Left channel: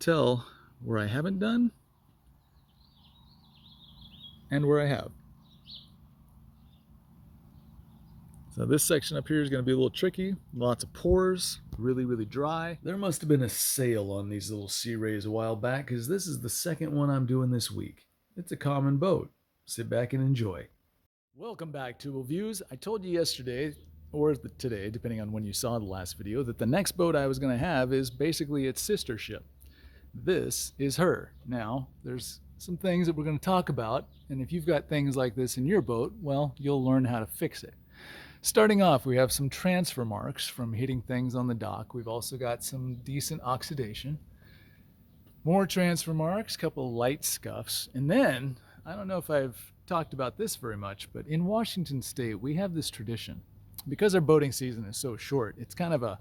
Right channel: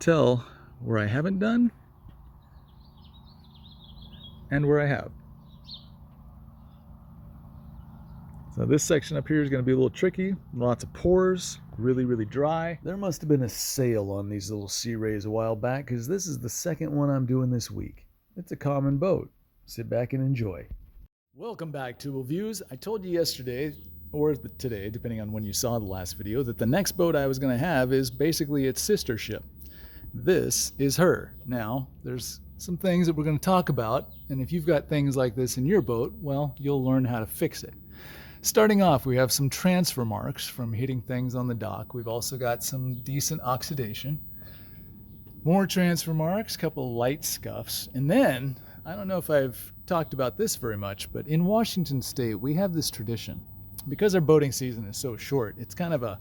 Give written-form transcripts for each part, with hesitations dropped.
tell where I haven't done and where I have. So this section up here is going to be a little tricky. Lots of pores, really dry. There must have been a sale on these little Searays a while back, because this is the second one I'm doing this week. It's a common boat. Sit back and enjoy. Welcome back to Views. I told you yesterday, or today, depending on when you saw the last video, that the next boat I was going to have is basically its sister ship. This is her. Now, there's some things that we're going to talk about, and if you've got things like this in your boat, well, you'll learn how to fix it. Starting off, we have some transfer marks from hitting things on the dock. We've also got some decent oxidation. More transfer marks, a couple light scuffs. And then, I don't know if I've talked about this very much, but in Washington State, we have this tradition. Because our boating season is so short, it's kind of a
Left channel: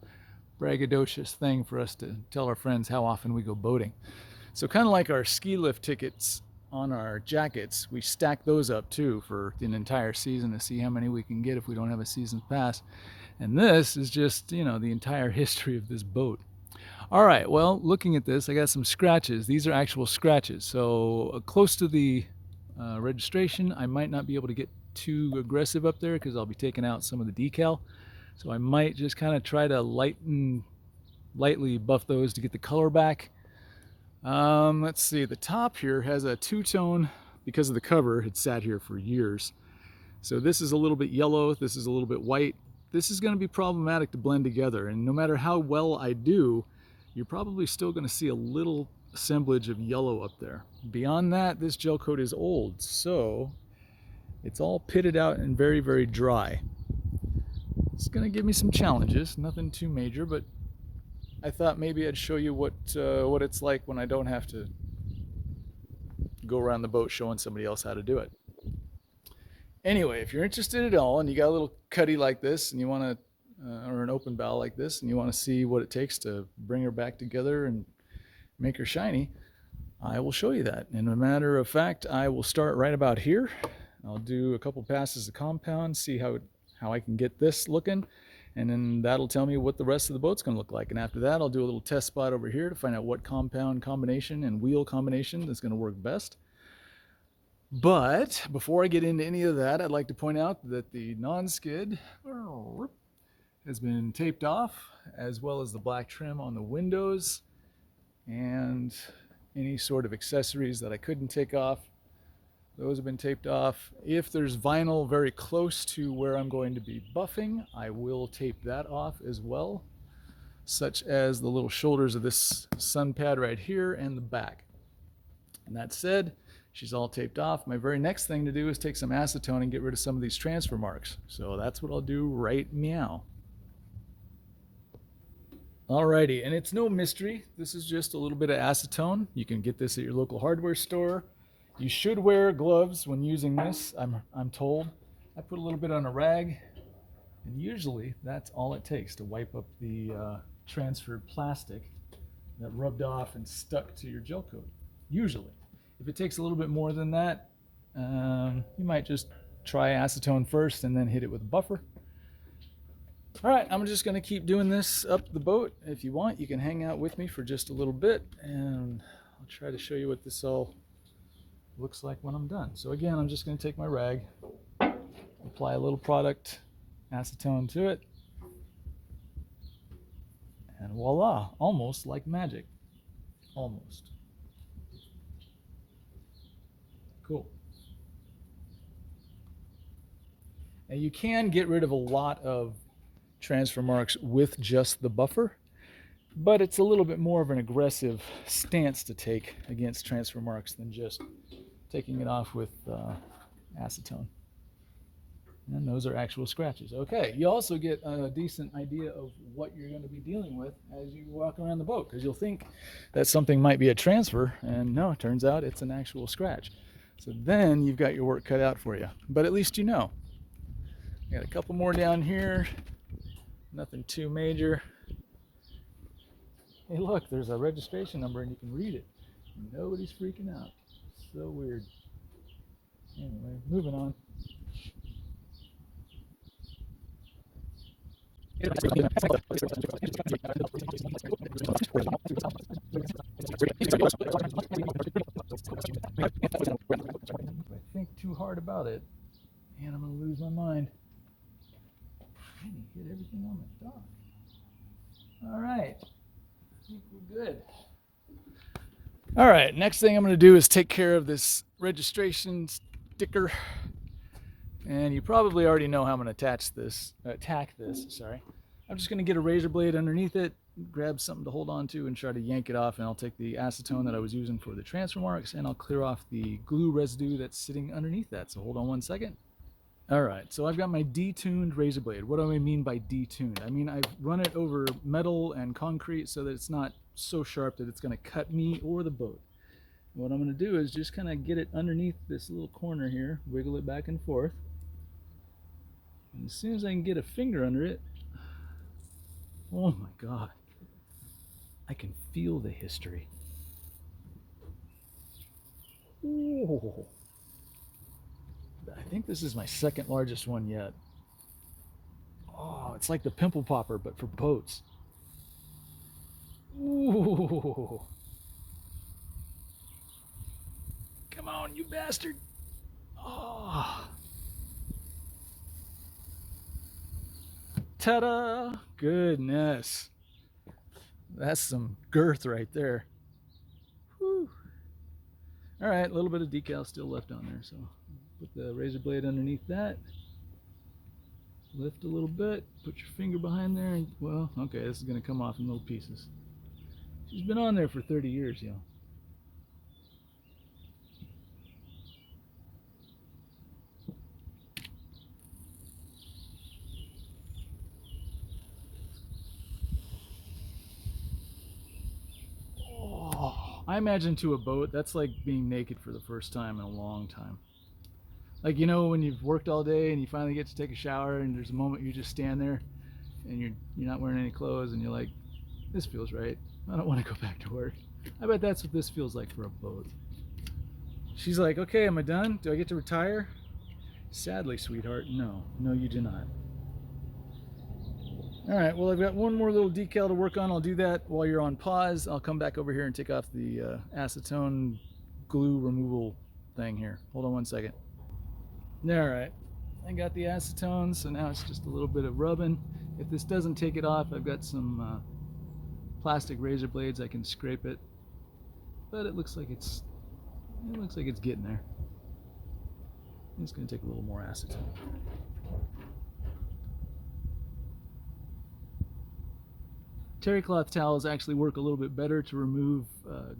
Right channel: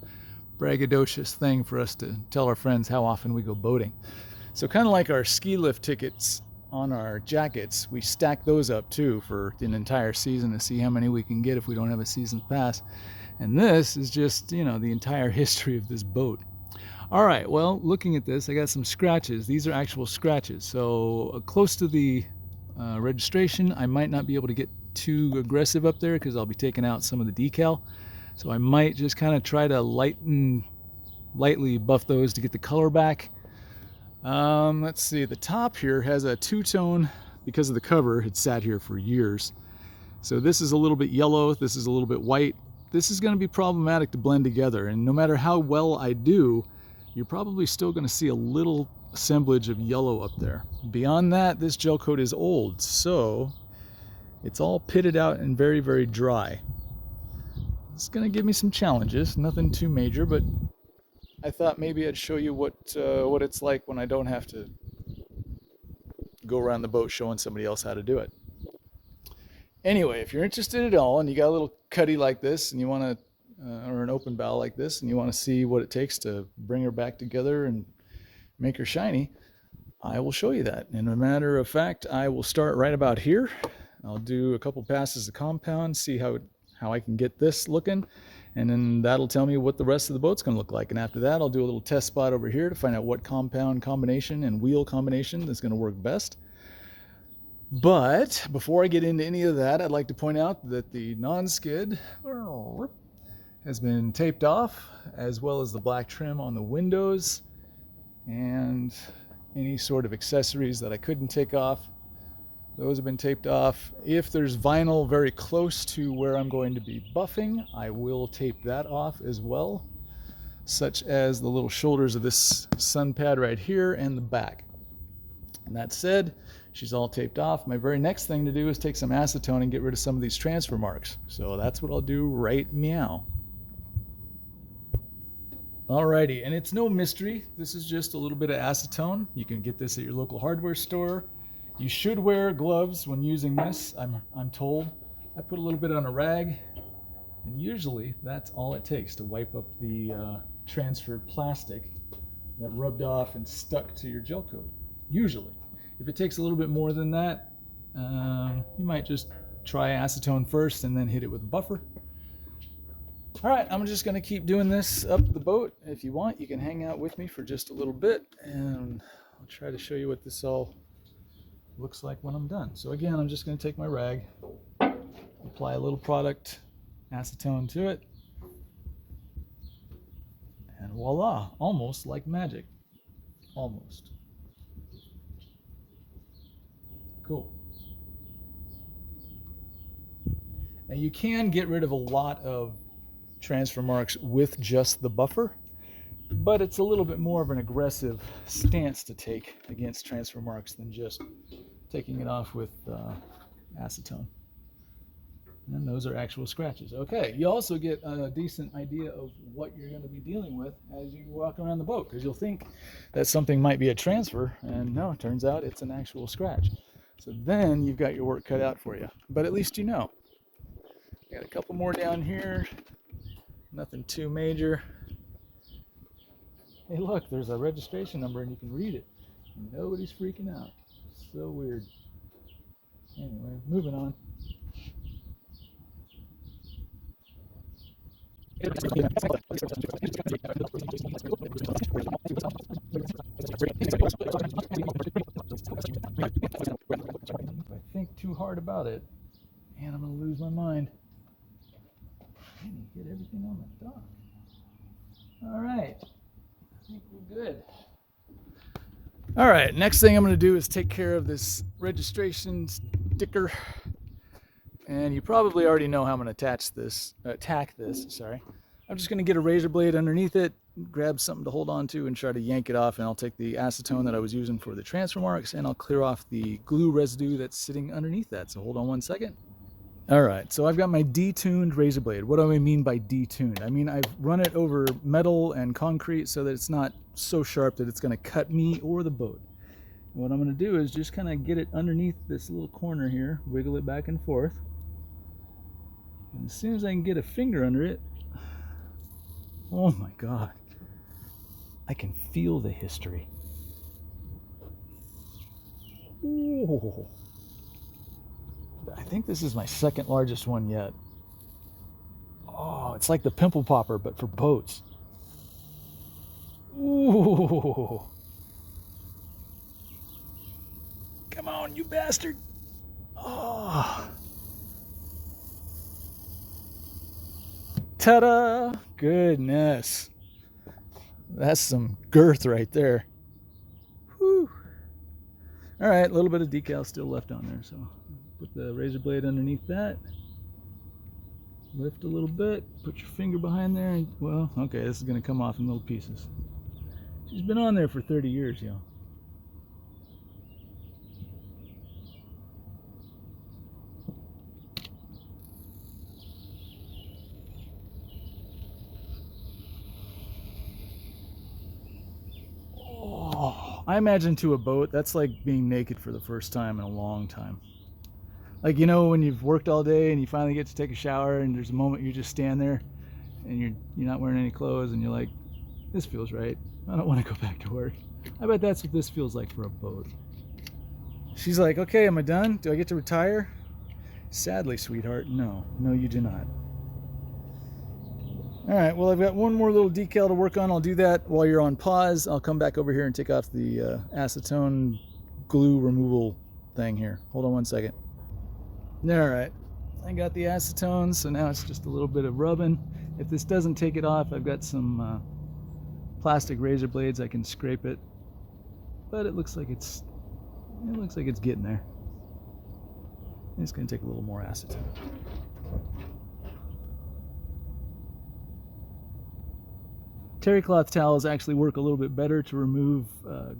braggadocious thing for us to tell our friends how often we go boating. So kind of like our ski lift tickets on our jackets, we stack those up too for an entire season to see how many we can get if we don't have a season pass. And this is just, you know, the entire history of this boat. All right, well, looking at this, I got some scratches. These are actual scratches. So close to the registration, I might not be able to get too aggressive up there because I'll be taking out some of the decal. So I might just kind of try to lightly buff those to get the color back. Let's see, the top here has a two-tone because of the cover. It sat here for years. So this is a little bit yellow, this is a little bit white. This is going to be problematic to blend together, and no matter how well I do, you're probably still going to see a little assemblage of yellow up there. Beyond that, this gel coat is old, so it's all pitted out and very dry. It's going to give me some challenges, nothing too major, but I thought maybe I'd show you what it's like when I don't have to go around the boat showing somebody else how to do it. Anyway, if you're interested at all and you got a little cuddy like this and you want to, or an open bow like this, and you want to see what it takes to bring her back together and make her shiny, I will show you that. And as a matter of fact, I will start right about here. I'll do a couple passes of compound, see how I can get this looking. And then that'll tell me what the rest of the boat's going to look like. And after that, I'll do a little test spot over here to find out what compound combination and wheel combination is going to work best. But before I get into any of that, I'd like to point out that the non-skid has been taped off, as well as the black trim on the windows and any sort of accessories that I couldn't take off. Those have been taped off. If there's vinyl very close to where I'm going to be buffing, I will tape that off as well, such as the little shoulders of this sun pad right here and the back. And that said, she's all taped off. My very next thing to do is take some acetone and get rid of some of these transfer marks. So that's what I'll do right meow. Alrighty, and it's no mystery. This is just a little bit of acetone. You can get this at your local hardware store. You should wear gloves when using this, I'm told. I put a little bit on a rag, and usually that's all it takes to wipe up the transferred plastic that rubbed off and stuck to your gel coat. Usually. If it takes a little bit more than that, you might just try acetone first and then hit it with a buffer. All right, I'm just going to keep doing this up the boat. If you want, you can hang out with me for just a little bit, and I'll try to show you what this all looks like when I'm done. So again, I'm just going to take my rag, apply a little product, acetone to it, and voila, almost like magic. Almost. Cool. Now you can get rid of a lot of transfer marks with just the buffer, but it's a little bit more of an aggressive stance to take against transfer marks than just taking it off with acetone. And those are actual scratches. Okay, you also get a decent idea of what you're going to be dealing with as you walk around the boat, because you'll think that something might be a transfer, and no, it turns out it's an actual scratch. So then you've got your work cut out for you, but at least you know. Got a couple more down here, nothing too major. Hey look, there's a registration number and you can read it. Nobody's freaking out. So weird. Anyway, moving on. I think too hard about it, and I'm going to lose my mind. Hit everything on the top. All right, I think we're good. All right, next thing I'm going to do is take care of this registration sticker. And you probably already know how I'm going to tack this. Sorry. I'm just going to get a razor blade underneath it, grab something to hold on to, and try to yank it off. And I'll take the acetone that I was using for the transfer marks, and I'll clear off the glue residue that's sitting underneath that. So hold on one second. All right, so I've got my detuned razor blade. What do I mean by detuned? I mean I've run it over metal and concrete so that it's not so sharp that it's going to cut me or the boat. What I'm going to do is just kind of get it underneath this little corner here, wiggle it back and forth. And as soon as I can get a finger under it, oh my God, I can feel the history. Ooh. I think this is my second largest one yet. Oh, it's like the pimple popper, but for boats. Ooh. Come on, you bastard. Oh. Ta-da! Goodness. That's some girth right there. Whew. All right, a little bit of decal still left on there, so put the razor blade underneath that. Lift a little bit, put your finger behind there, and, well, okay, this is going to come off in little pieces. She's been on there for 30 years, y'all. I imagine to a boat, that's like being naked for the first time in a long time. Like, you know, when you've worked all day and you finally get to take a shower and there's a moment you just stand there and you're not wearing any clothes and you're like, this feels right. I don't want to go back to work. I bet that's what this feels like for a boat. She's like, okay, am I done? Do I get to retire? Sadly, sweetheart, no. No, you do not. All right, well, I've got one more little decal to work on. I'll do that while you're on pause. I'll come back over here and take off the acetone glue removal thing here. Hold on one second. All right, I got the acetone, so now it's just a little bit of rubbing. If this doesn't take it off, I've got some plastic razor blades. I can scrape it, but it looks like it's getting there. It's going to take a little more acetone. Terry cloth towels actually work a little bit better to remove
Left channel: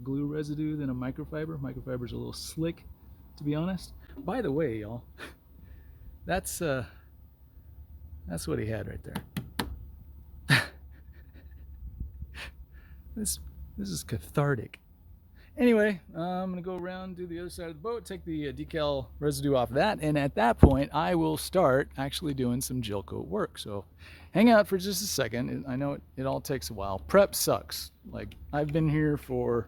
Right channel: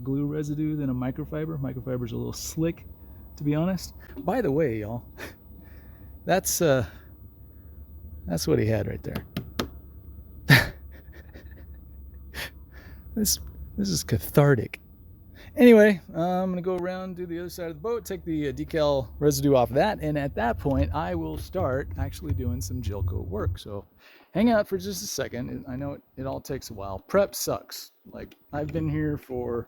glue residue than a microfiber. Microfiber's a little slick, to be honest. By the way, y'all, that's what he had right there. This is cathartic. Anyway, I'm gonna go around, do the other side of the boat, take the decal residue off that, and at that point I will start actually doing some Gelcoat work. So hang out for just a second. I know it all takes a while. Prep sucks. Like, I've been here for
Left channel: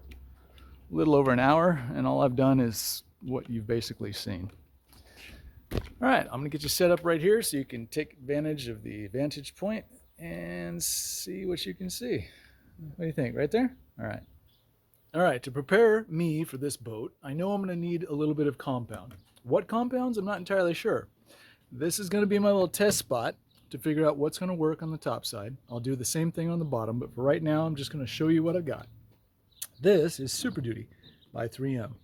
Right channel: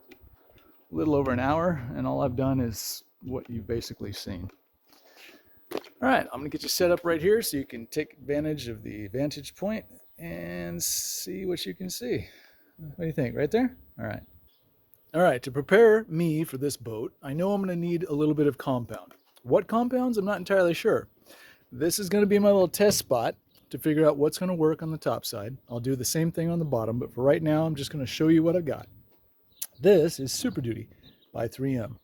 a little over an hour and all I've done is what you've basically seen. All right, I'm gonna get you set up right here so you can take advantage of the vantage point and see what you can see. What do you think? Right there? All right. All right, to prepare me for this boat, I know I'm going to need a little bit of compound. What compounds? I'm not entirely sure. This is going to be my little test spot to figure out what's going to work on the top side. I'll do the same thing on the bottom, but for right now, I'm just going to show you what I've got. This is Super Duty by 3M.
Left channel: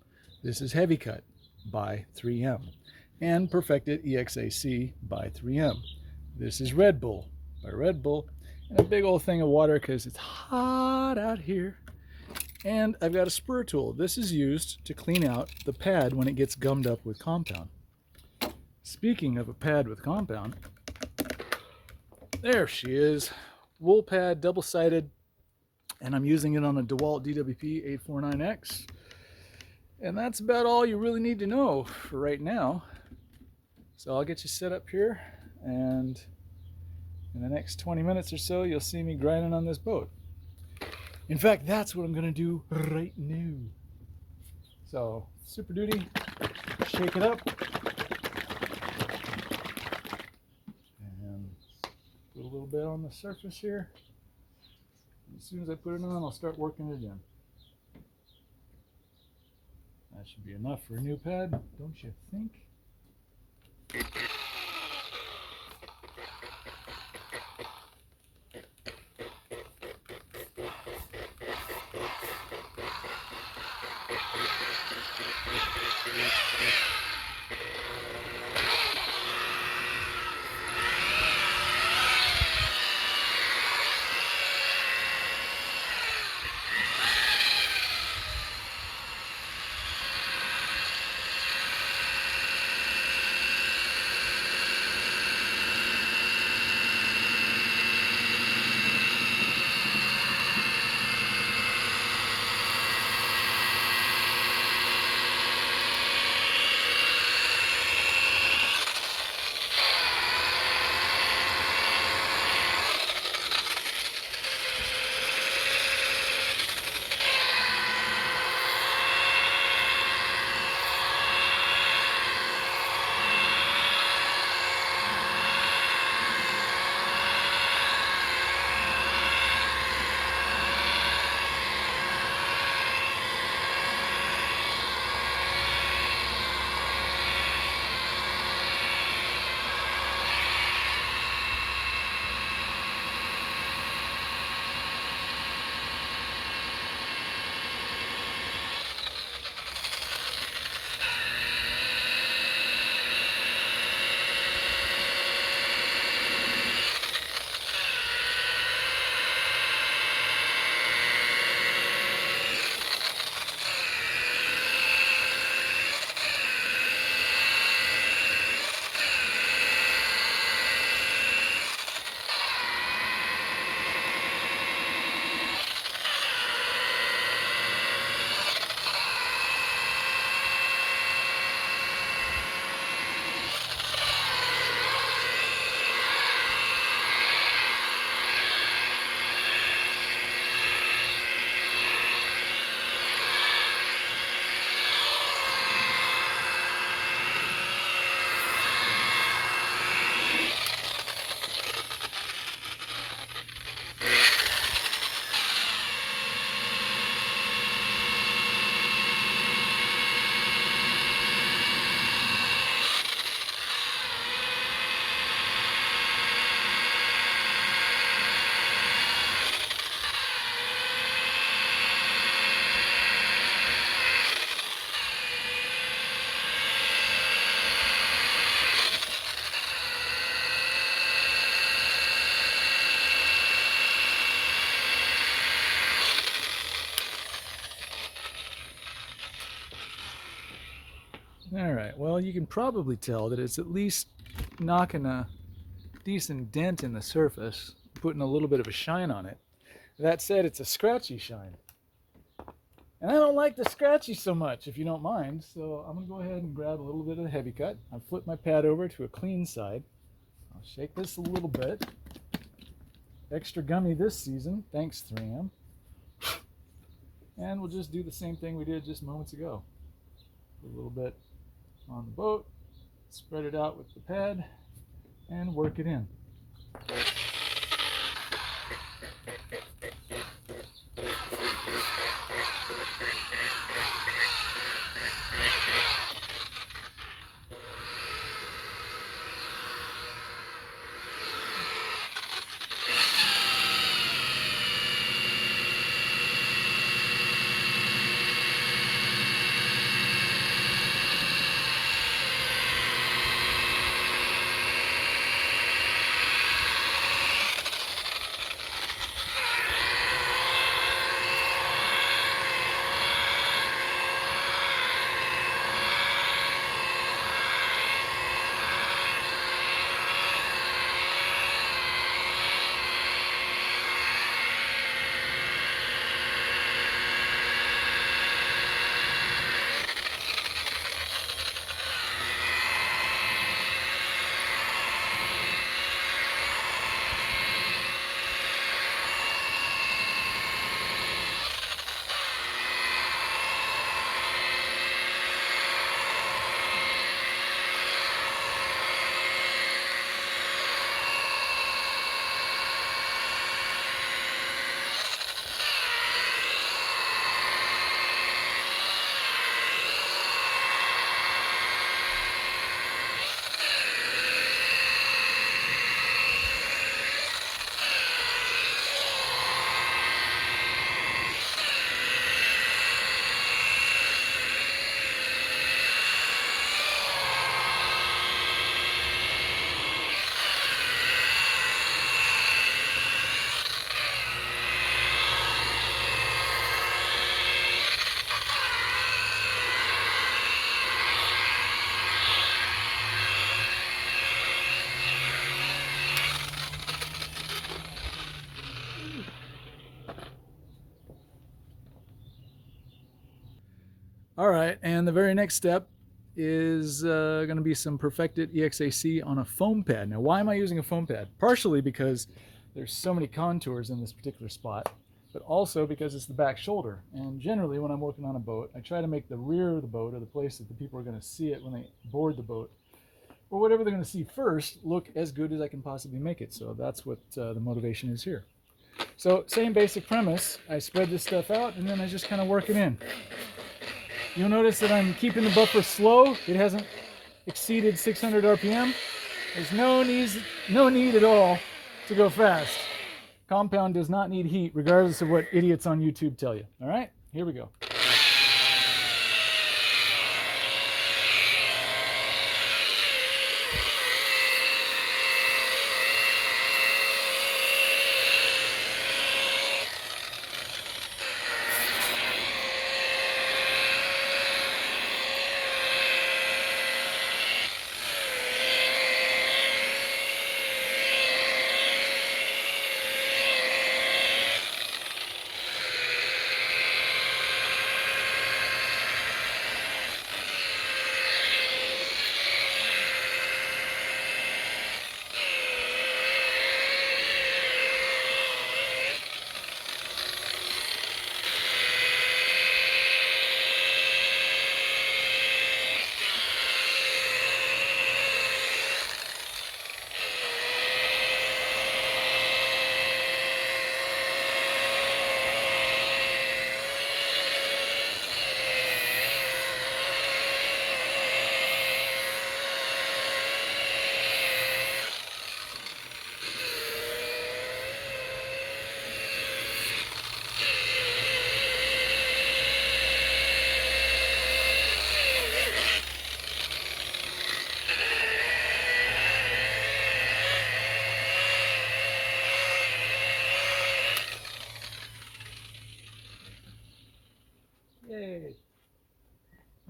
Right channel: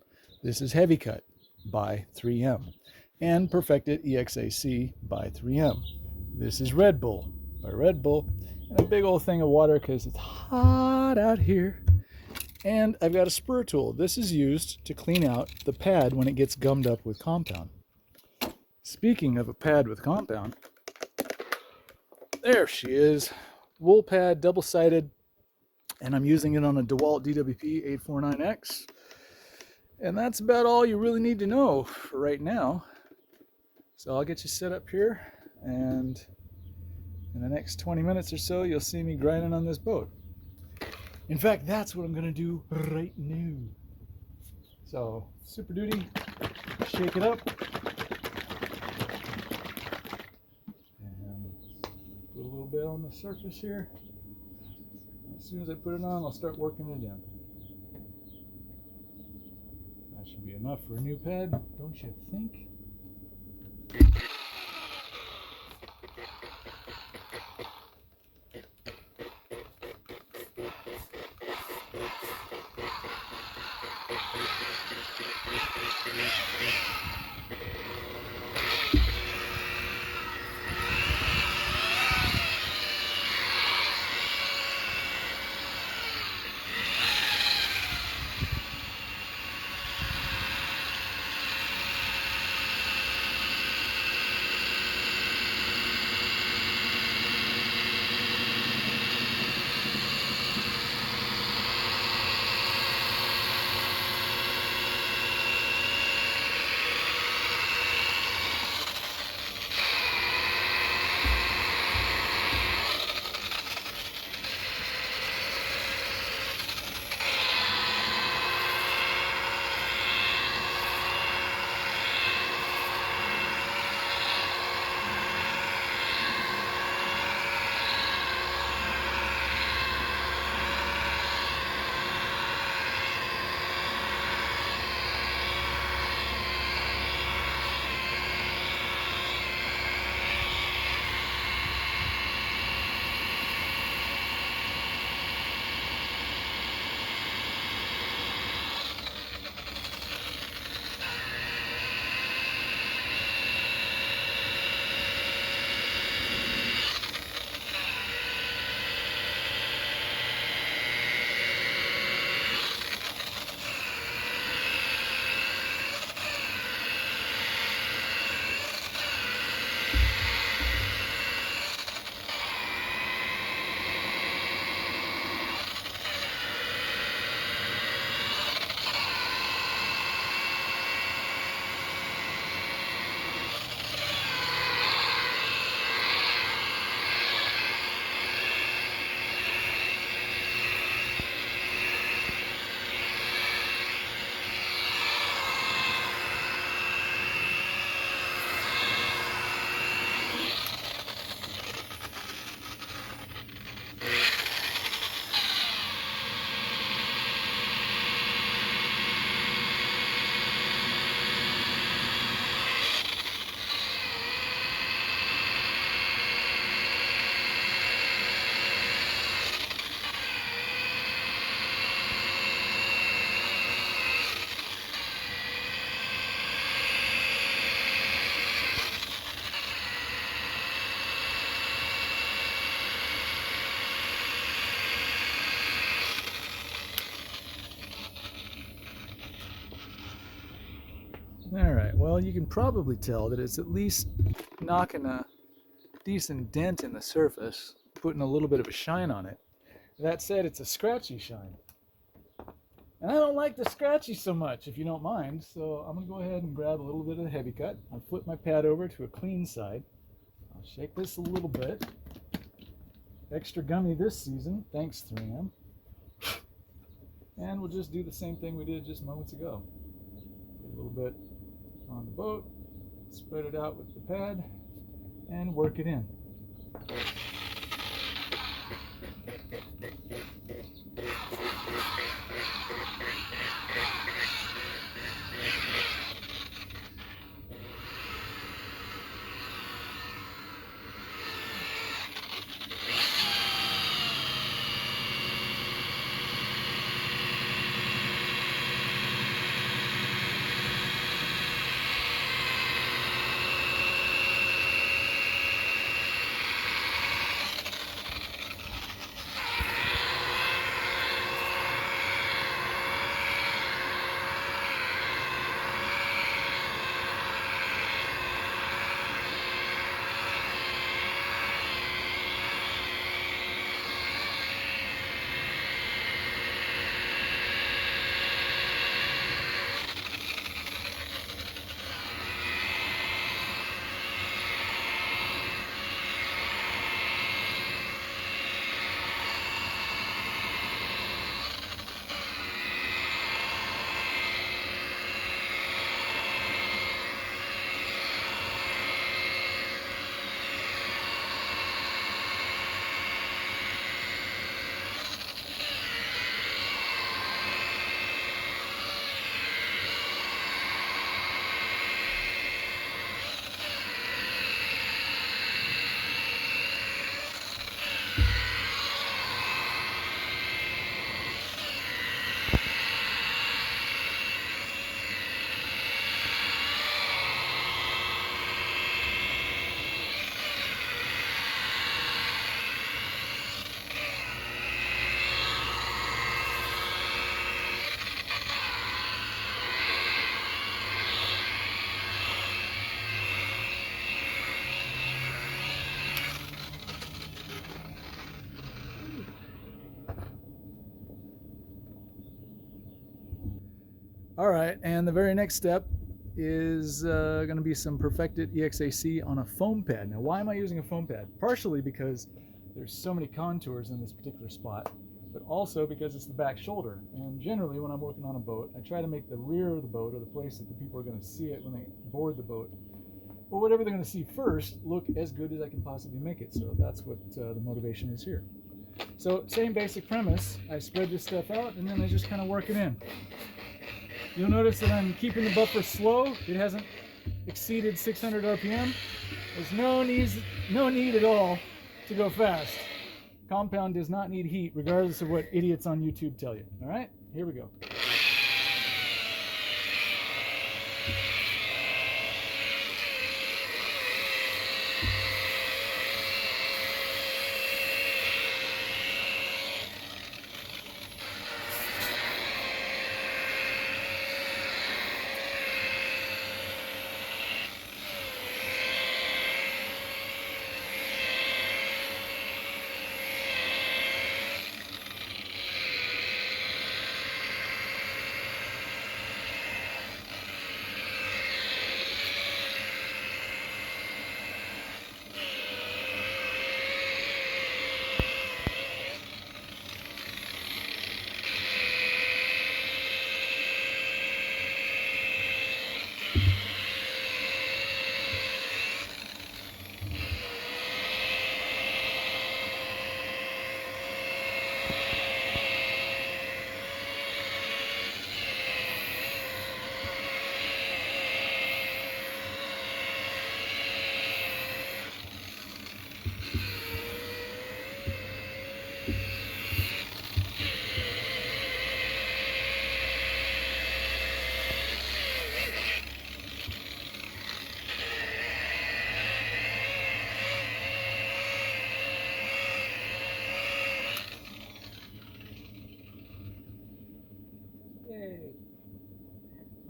This is Heavy Cut by 3M. And Perfected EXAC by 3M. This is Red Bull by Red Bull. And a big old thing of water because it's hot out here. And I've got a spur tool. This is used to clean out the pad when it gets gummed up with compound. Speaking of a pad with compound, there she is. Wool pad, double-sided, and I'm using it on a DeWalt DWP 849X. And that's about all you really need to know for right now. So I'll get you set up here, and in the next 20 minutes or so, you'll see me grinding on this boat. In fact, that's what I'm going to do right now. So, Super Duty, shake it up. And put a little little bit on the surface here. As soon as I put it on, I'll start working it in. That should be enough for a new pad, don't you think? Alright, well, you can probably tell that it's at least knocking a decent dent in the surface, putting a little bit of a shine on it. That said, it's a scratchy shine. And I don't like the scratchy so much, if you don't mind, so I'm going to go ahead and grab a little bit of the heavy cut. I'll flip my pad over to a clean side. I'll shake this a little bit. Extra gummy this season, thanks 3M. And we'll just do the same thing we did just moments ago. A little bit on the boat, spread it out with the pad, and work it in. All right, and the very next step is going to be some perfected EXAC on a foam pad. Now, why am I using a foam pad? Partially because there's so many contours in this particular spot, but also because it's the back shoulder. And generally, when I'm working on a boat, I try to make the rear of the boat, or the place that the people are going to see it when they board the boat, or whatever they're going to see first, look as good as I can possibly make it. So that's what the motivation is here. So same basic premise. I spread this stuff out, and then I just kind of work it in. You'll notice that I'm keeping the buffer slow. It hasn't exceeded 600 RPM. There's no need at all to go fast. Compound does not need heat, regardless of what idiots on YouTube tell you. All right, here we go. Yay.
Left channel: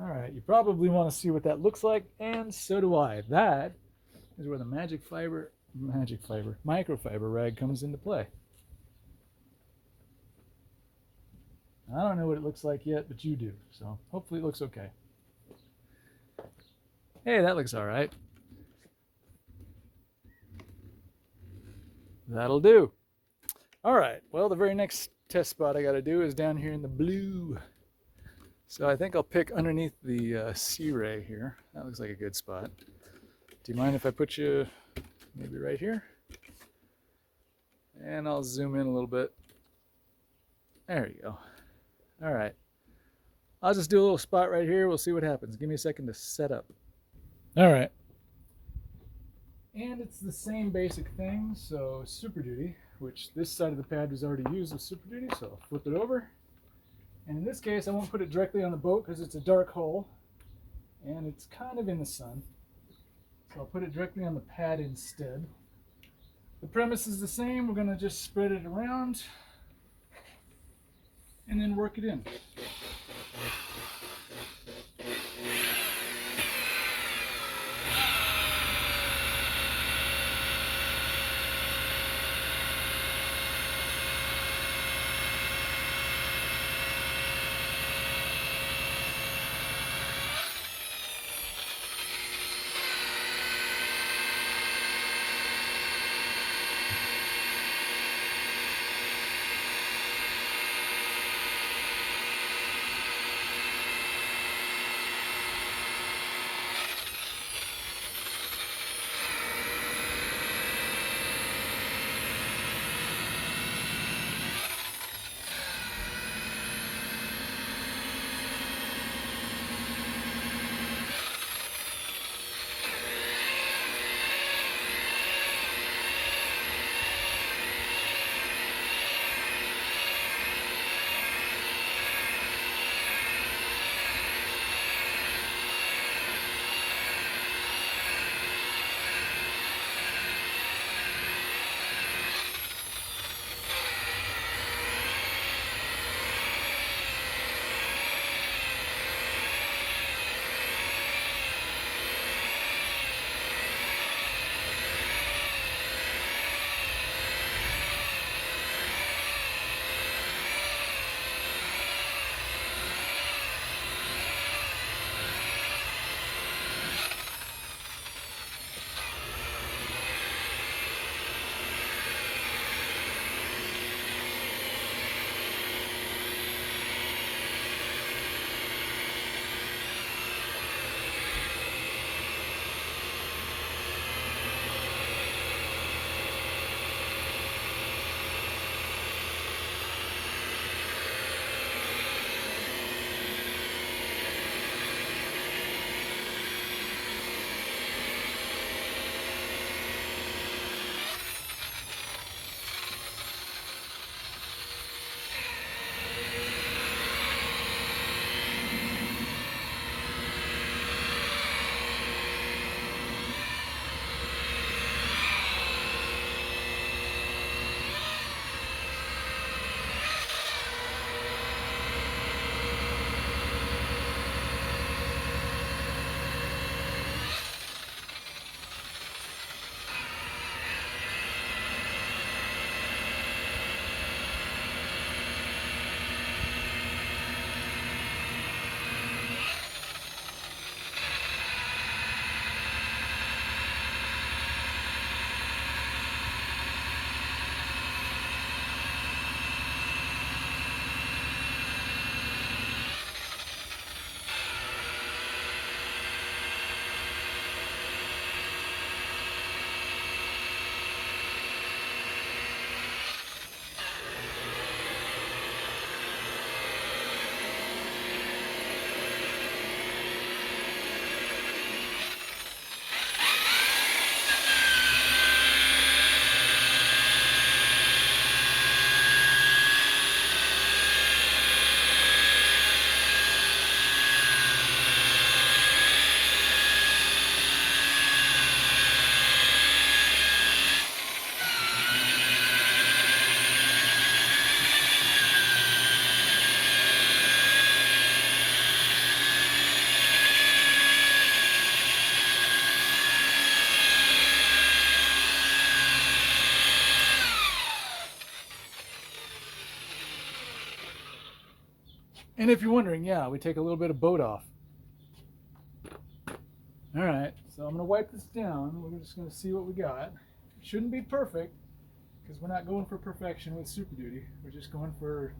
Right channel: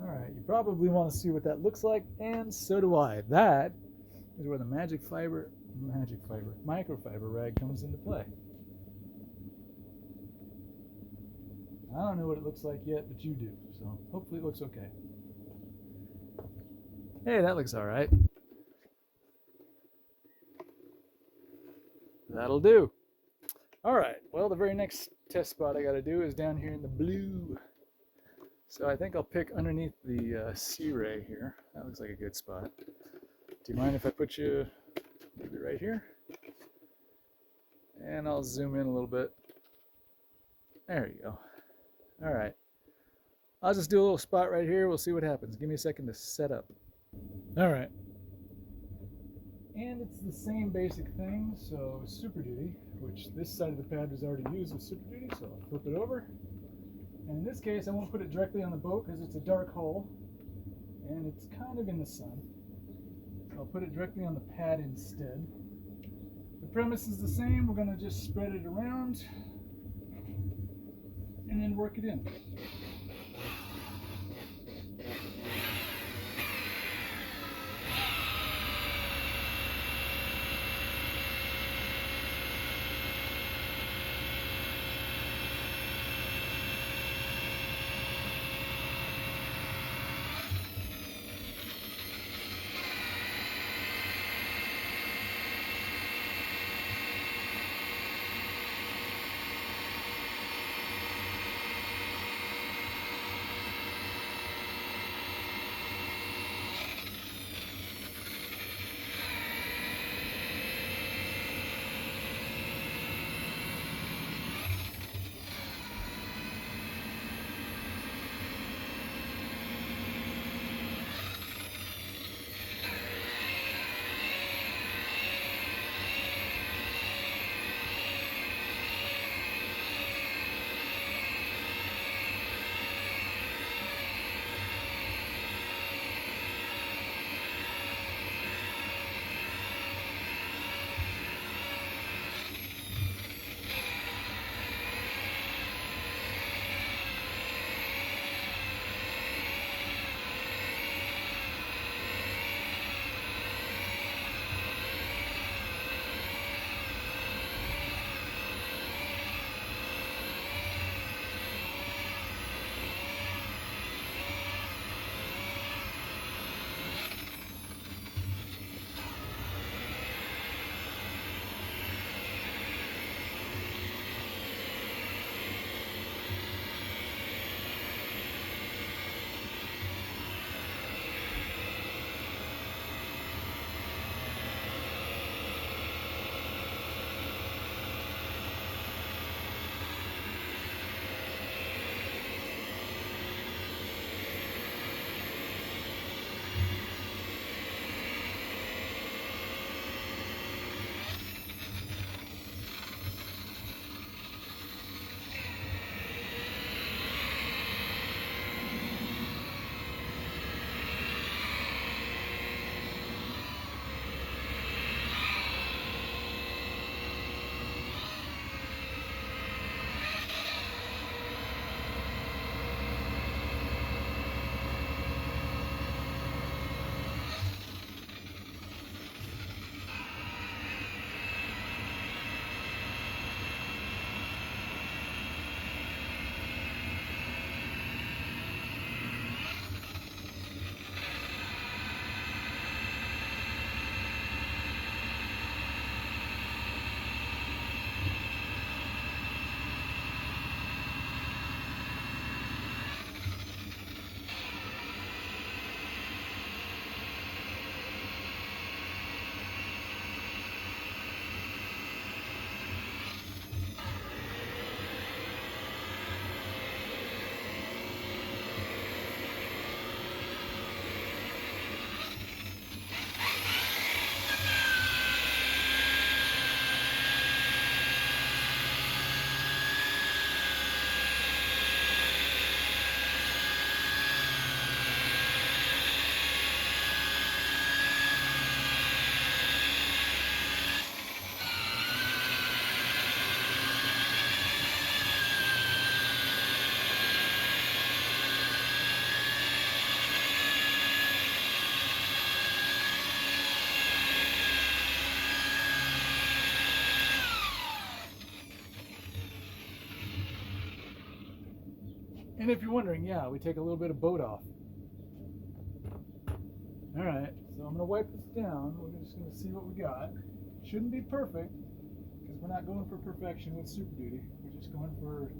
All right, you probably want to see what that looks like, and so do I. That is where the microfiber rag comes into play. I don't know what it looks like yet, but you do, so hopefully it looks okay. Hey, that looks all right. That'll do. All right, well, the very next test spot I got to do is down here in the blue. So I think I'll pick underneath the Searay here. That looks like a good spot. Do you mind if I put you maybe right here? And I'll zoom in a little bit. There you go. All right. I'll just do a little spot right here. We'll see what happens. Give me a second to set up. All right. And it's the same basic thing. So Super Duty, which this side of the pad was already used with Super Duty. So I'll flip it over. And in this case, I won't put it directly on the boat because it's a dark hole and it's kind of in the sun. So I'll put it directly on the pad instead. The premise is the same. We're going to just spread it around and then work it in. And if you're wondering, yeah, we take a little bit of boat off. All right, so I'm gonna wipe this down. We're just gonna see what we got. Shouldn't be perfect, because we're not going for perfection with Super Duty. We're just going for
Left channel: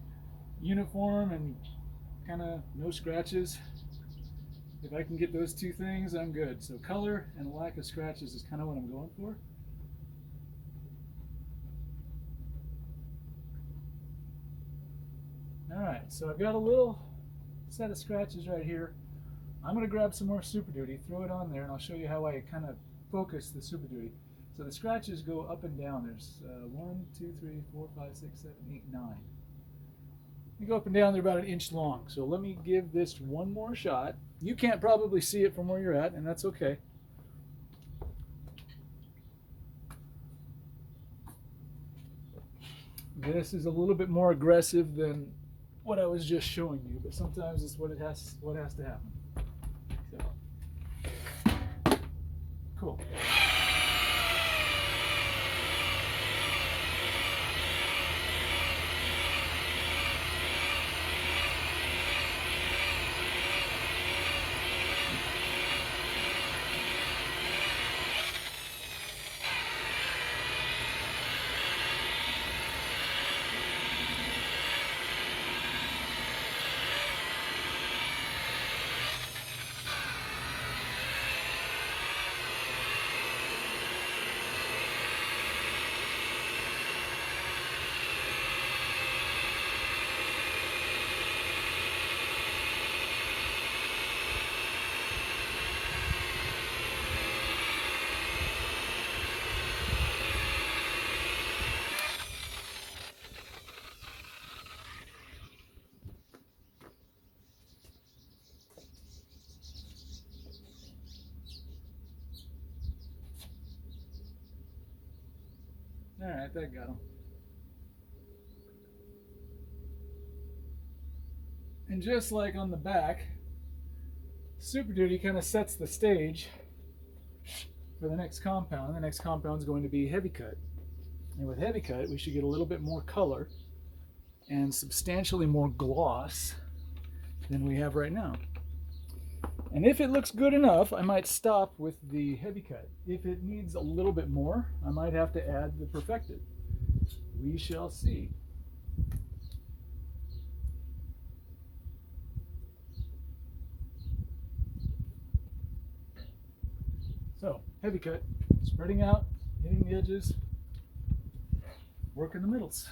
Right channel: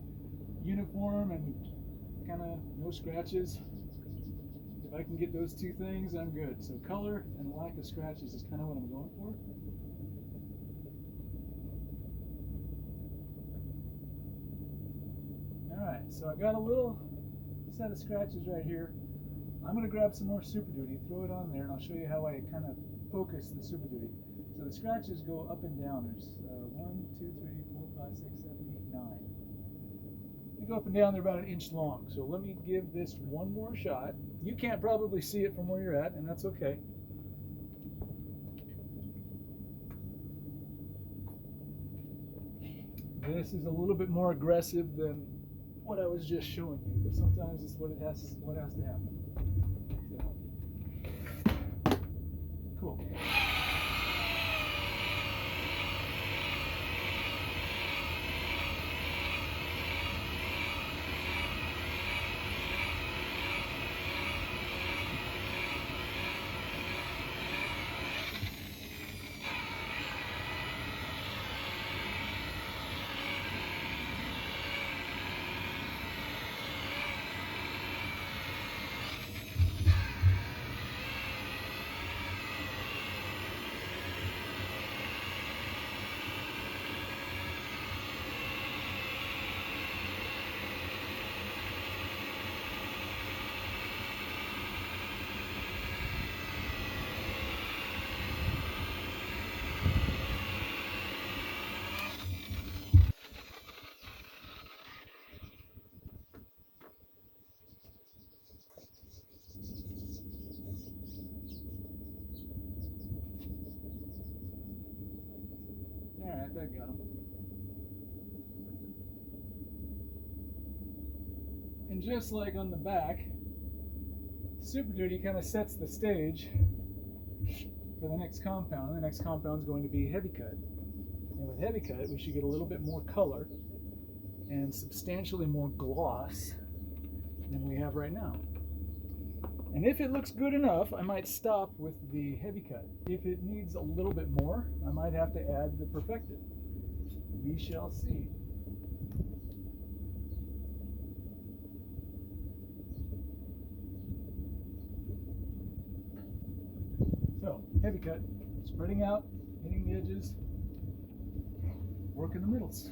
uniform and kind of no scratches. If I can get those two things, I'm good. So color and lack of scratches is kind of what I'm going for. All right, so I've got a little set of scratches right here. I'm going to grab some more Super Duty, throw it on there, and I'll show you how I kind of focus the Super Duty. So the scratches go up and down. There's 1, 2, 3, 4, 5, 6, 7, 8, 9. They go up and down, they're about 1 inch long. So let me give this one more shot. You can't probably see it from where you're at, and that's okay. This is a little bit more aggressive than what I was just showing you, but sometimes it's what has to happen. So, cool. All right, that got him. And just like on the back, Super Duty kind of sets the stage for the next compound. The next compound is going to be Heavy Cut. And with Heavy Cut, we should get a little bit more color and substantially more gloss than we have right now. And if it looks good enough, I might stop with the Heavy Cut. If it needs a little bit more, I might have to add the Perfected. We shall see. So, Heavy Cut, spreading out, hitting the edges, working the middles.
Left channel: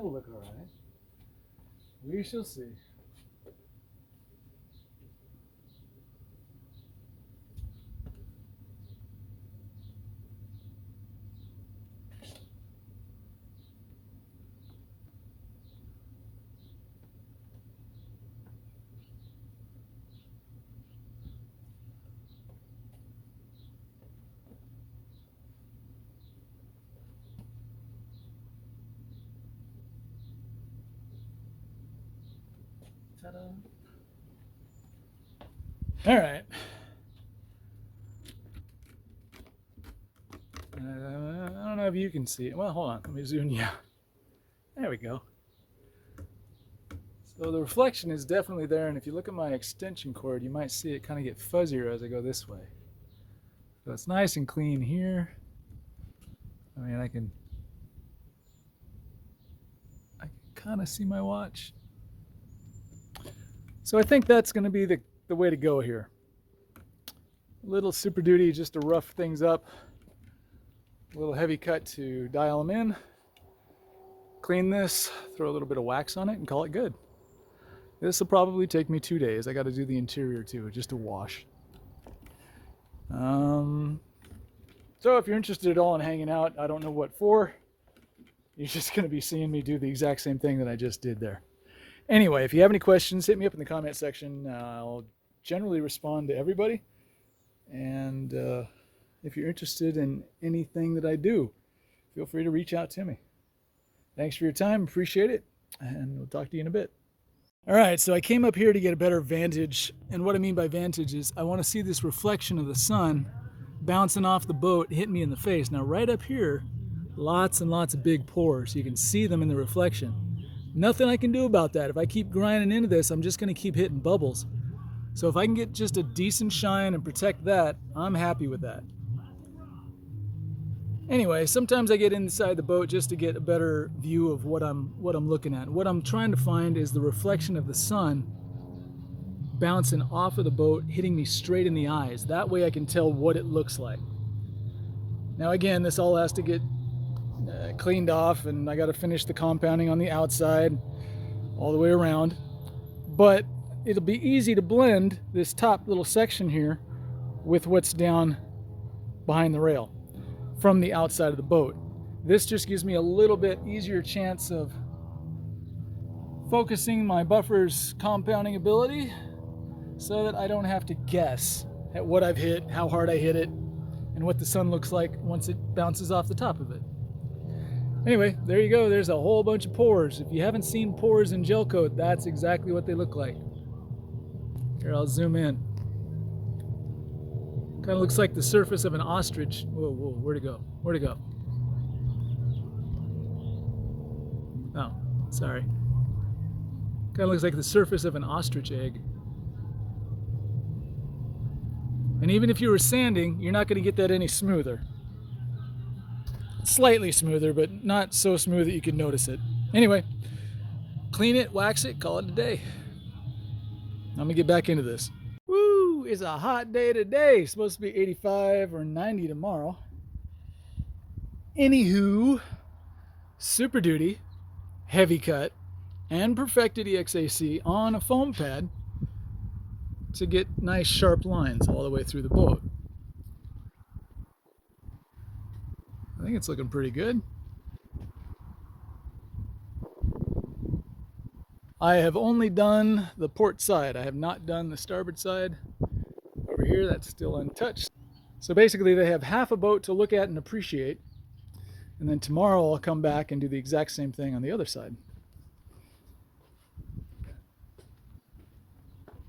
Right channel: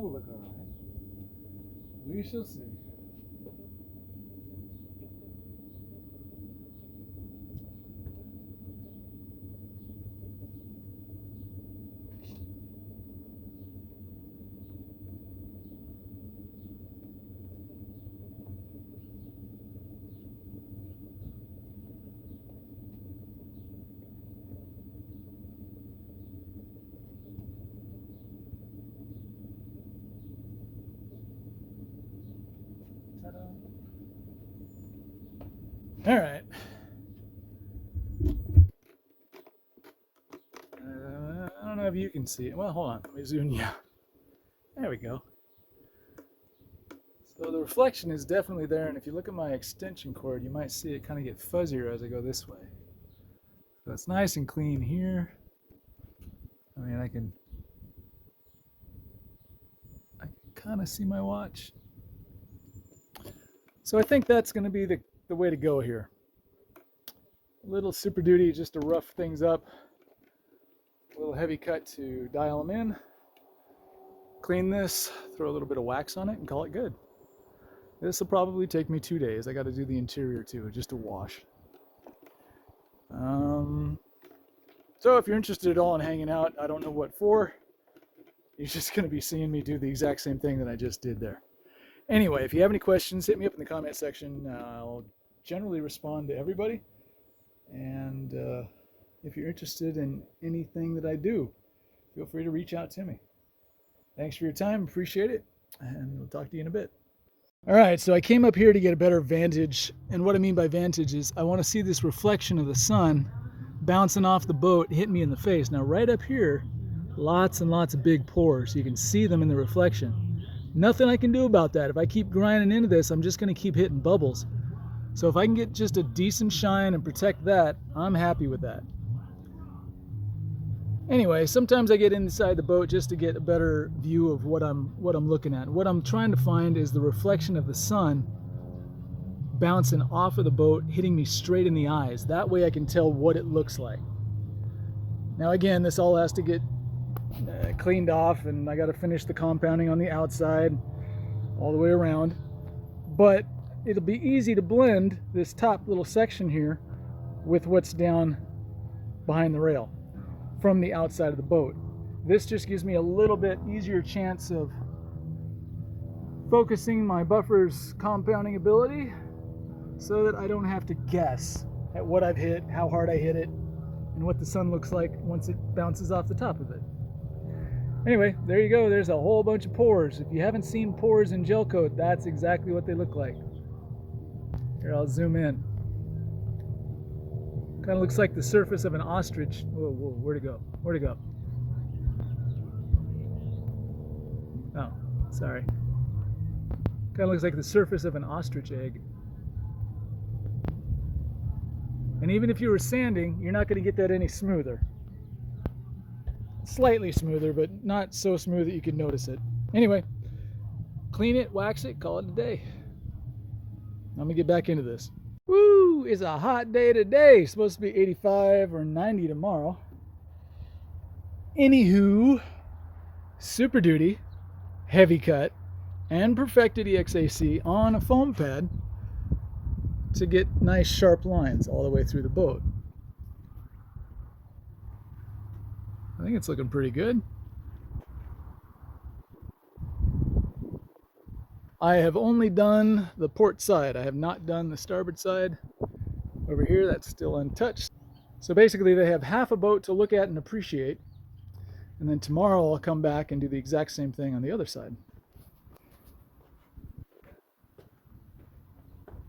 That'll look all right. We shall see. All right. I don't know if you can see it. Well, hold on. Let me zoom you. There we go. So the reflection is definitely there, and if you look at my extension cord, you might see it kind of get fuzzier as I go this way. So it's nice and clean here. I mean, I can kind of see my watch. So I think that's going to be the way to go here. A little Super Duty just to rough things up. A little heavy cut to dial them in. Clean this, throw a little bit of wax on it, and call it good. This will probably take me 2 days. I got to do the interior too, just to wash. So if you're interested at all in hanging out, I don't know what for. You're just going to be seeing me do the exact same thing that I just did there. Anyway, if you have any questions, hit me up in the comment section. I'll generally respond to everybody. And if you're interested in anything that I do, feel free to reach out to me. Thanks for your time. Appreciate it. And we'll talk to you in a bit. All right, so I came up here to get a better vantage. And what I mean by vantage is I want to see this reflection of the sun bouncing off the boat, hitting me in the face. Now, right up here, lots and lots of big pores. You can see them in the reflection. Nothing I can do about that. If I keep grinding into this, I'm just going to keep hitting bubbles. So if I can get just a decent shine and protect that, I'm happy with that. Anyway, sometimes I get inside the boat just to get a better view of what I'm looking at. What I'm trying to find is the reflection of the sun bouncing off of the boat, hitting me straight in the eyes. That way I can tell what it looks like. Now again, this all has to get cleaned off, and I got to finish the compounding on the outside all the way around. But it'll be easy to blend this top little section here with what's down behind the rail from the outside of the boat. This just gives me a little bit easier chance of focusing my buffer's compounding ability so that I don't have to guess at what I've hit, how hard I hit it, and what the sun looks like once it bounces off the top of it. Anyway, there you go. There's a whole bunch of pores. If you haven't seen pores in Gelcoat, that's exactly what they look like. Here, I'll zoom in. Kind of looks like the surface of an ostrich. Whoa, whoa, where'd it go? Where'd it go? Oh, sorry. Kind of looks like the surface of an ostrich egg. And even if you were sanding, you're not going to get that any smoother. Slightly smoother, but not so smooth that you can notice it. Anyway, clean it, wax it, call it a day. I'm going to get back into this. Woo! It's a hot day today. It's supposed to be 85 or 90 tomorrow. Anywho, Super Duty, heavy cut, and perfected EXAC on a foam pad to get nice sharp lines all the way through the boat. I think it's looking pretty good. I have only done the port side. I have not done the starboard side. Over here, that's still untouched. So basically they have half a boat to look at and appreciate. And then tomorrow I'll come back and do the exact same thing on the other side.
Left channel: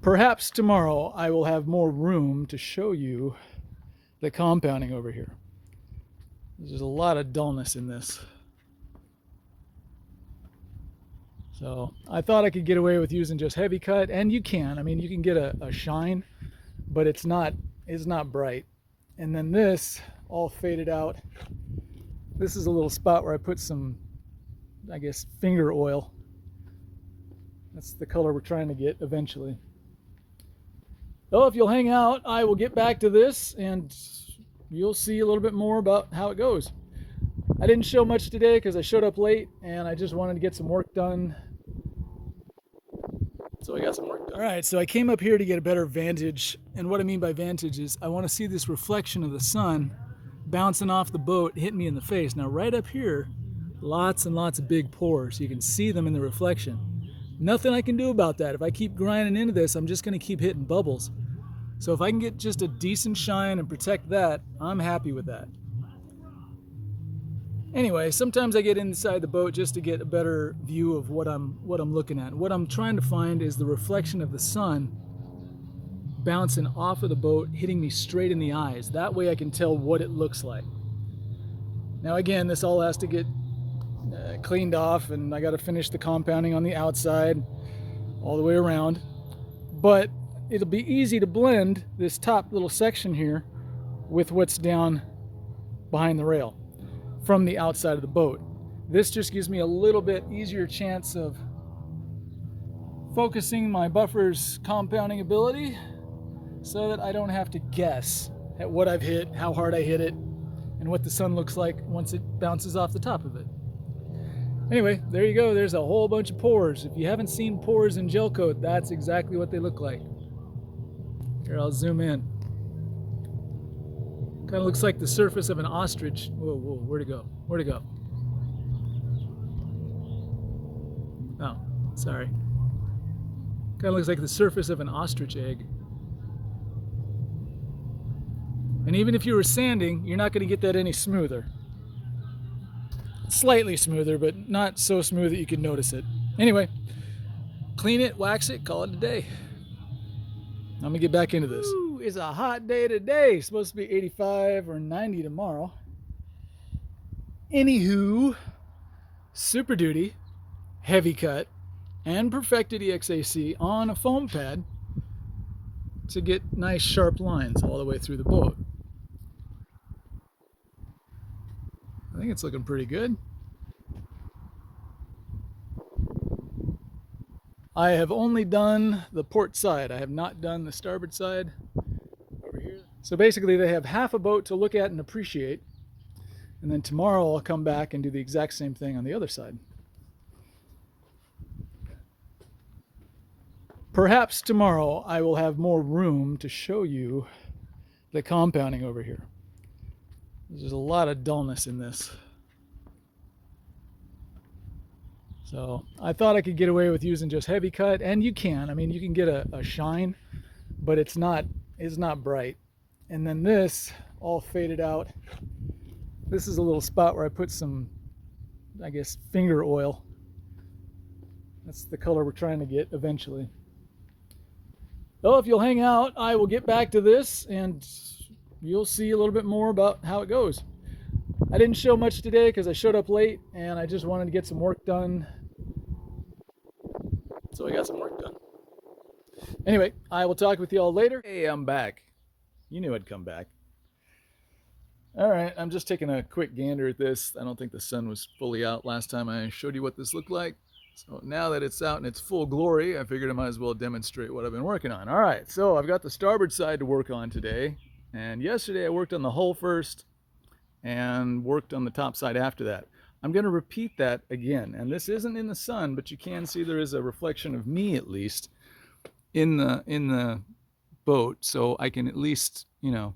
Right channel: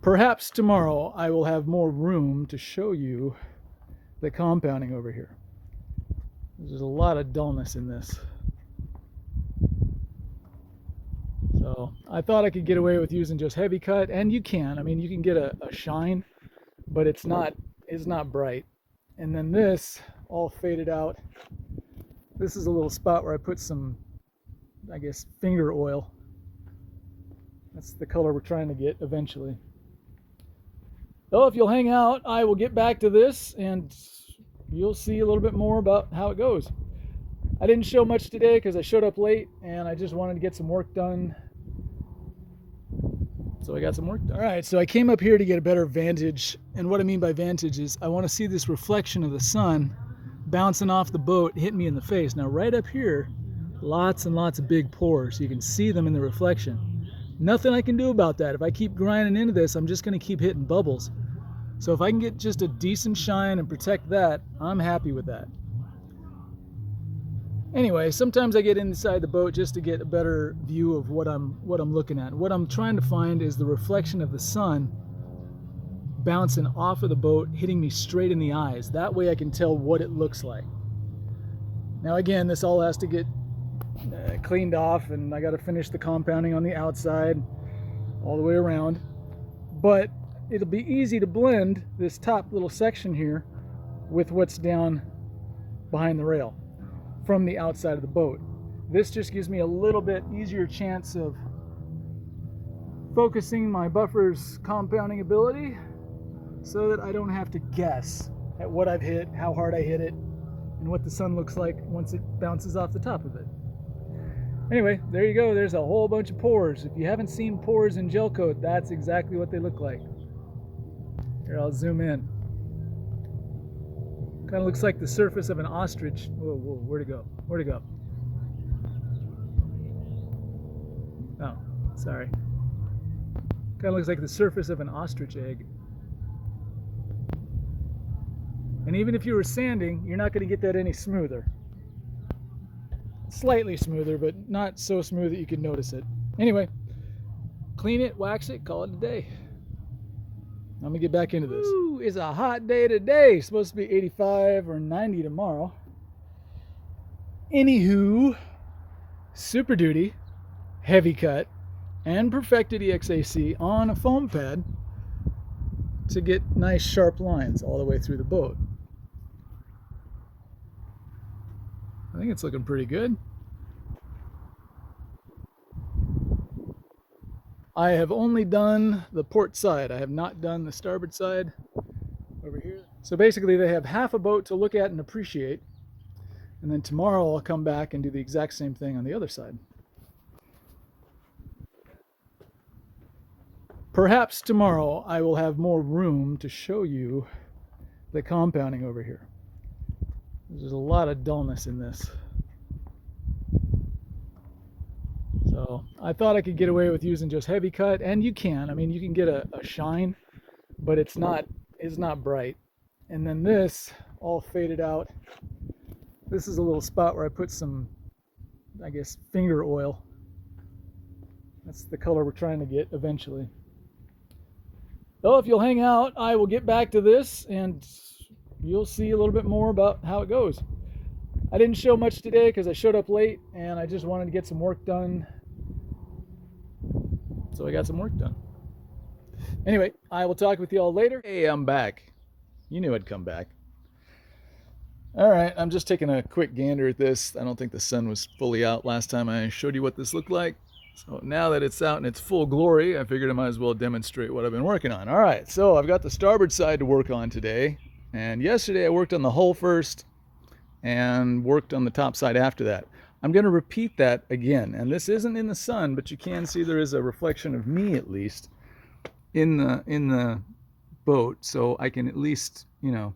Perhaps tomorrow I will have more room to show you the compounding over here. There's a lot of dullness in this. So I thought I could get away with using just heavy cut, and you can. I mean, you can get a shine, but it's not bright. And then this all faded out. This is a little spot where I put some, I guess, finger oil. That's the color we're trying to get eventually. So if you'll hang out, I will get back to this and you'll see a little bit more about how it goes. I didn't show much today because I showed up late and I just wanted to get some work done. So I got some work done. All right, so I came up here to get a better vantage. And what I mean by vantage is I want to see this reflection of the sun bouncing off the boat, hitting me in the face. Now right up here, lots and lots of big pores. You can see them in the reflection. Nothing I can do about that. If I keep grinding into this, I'm just going to keep hitting bubbles. So if I can get just a decent shine and protect that, I'm happy with that. Anyway, sometimes I get inside the boat just to get a better view of what I'm looking at. What I'm trying to find is the reflection of the sun bouncing off of the boat, hitting me straight in the eyes. That way I can tell what it looks like. Now again, this all has to get cleaned off, and I got to finish the compounding on the outside all the way around. But it'll be easy to blend this top little section here with what's down behind the rail from the outside of the boat. This just gives me a little bit easier chance of focusing my buffer's compounding ability so that I don't have to guess at what I've hit, how hard I hit it, and what the sun looks like once it bounces off the top of it. Anyway, there you go. There's a whole bunch of pores. If you haven't seen pores in Gelcoat, that's exactly what they look like. Here, I'll zoom in. Kind of looks like the surface of an ostrich. Whoa, whoa, where'd it go? Where'd it go? Oh, sorry. Kind of looks like the surface of an ostrich egg. And even if you were sanding, you're not going to get that any smoother. Slightly smoother, but not so smooth that you can notice it. Anyway, clean it, wax it, call it a day. I'm gonna get back into this. Ooh, it's a hot day today. It's supposed to be 85 or 90 tomorrow. Anywho, Super Duty, Heavy Cut, and Perfected EXAC on a foam pad to get nice sharp lines all the way through the boat. I think it's looking pretty good. I have only done the port side. I have not done the starboard side over here. So basically they have half a boat to look at and appreciate. And then tomorrow I'll come back and do the exact same thing on the other side. Perhaps tomorrow I will have more room to show you the compounding over here. There's a lot of dullness in this. So I thought I could get away with using just heavy cut, and you can. I mean, you can get a shine, but it's not bright. And then this all faded out. This is a little spot where I put some, I guess, finger oil. That's the color we're trying to get eventually. So if you'll hang out, I will get back to this and you'll see a little bit more about how it goes. I didn't show much today because I showed up late and I just wanted to get some work done. So I got some work done. Anyway, I will talk with you all later. Hey, I'm back. You knew I'd come back. All right, I'm just taking a quick gander at this. I don't think the sun was fully out last time I showed you what this looked like. So now that it's out in its full glory, I figured I might as well demonstrate what I've been working on. All right, so I've got the starboard side to work on today. And yesterday I worked on the hull first and worked on the top side after that. I'm going to repeat that again. And this isn't in the sun, but you can see there is a reflection of me at least in the boat. So I can at least, you know,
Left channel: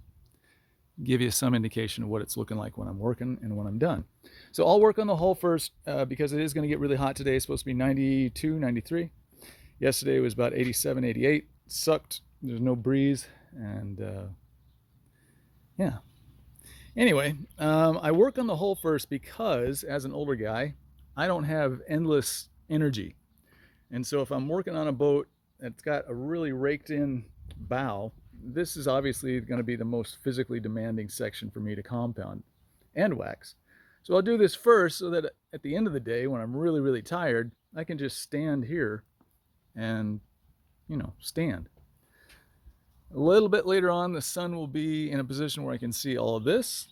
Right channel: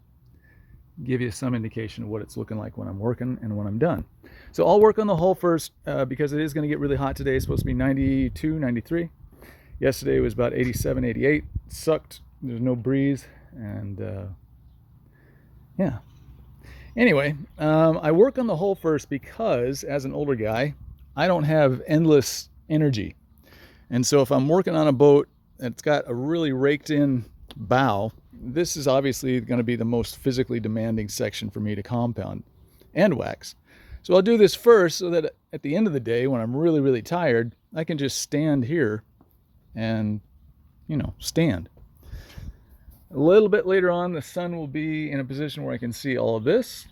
give you some indication of what it's looking like when I'm working and when I'm done. So I'll work on the hull first because it is going to get really hot today. It's supposed to be 92, 93. Yesterday it was about 87, 88. Sucked. There's no breeze. And yeah. Anyway, I work on the hull first because as an older guy, I don't have endless energy. And so if I'm working on a boat that's got a really raked in bow, this is obviously going to be the most physically demanding section for me to compound and wax. So I'll do this first so that at the end of the day, when I'm really, really tired, I can just stand here and, you know, stand. A little bit later on, the sun will be in a position where I can see all of this,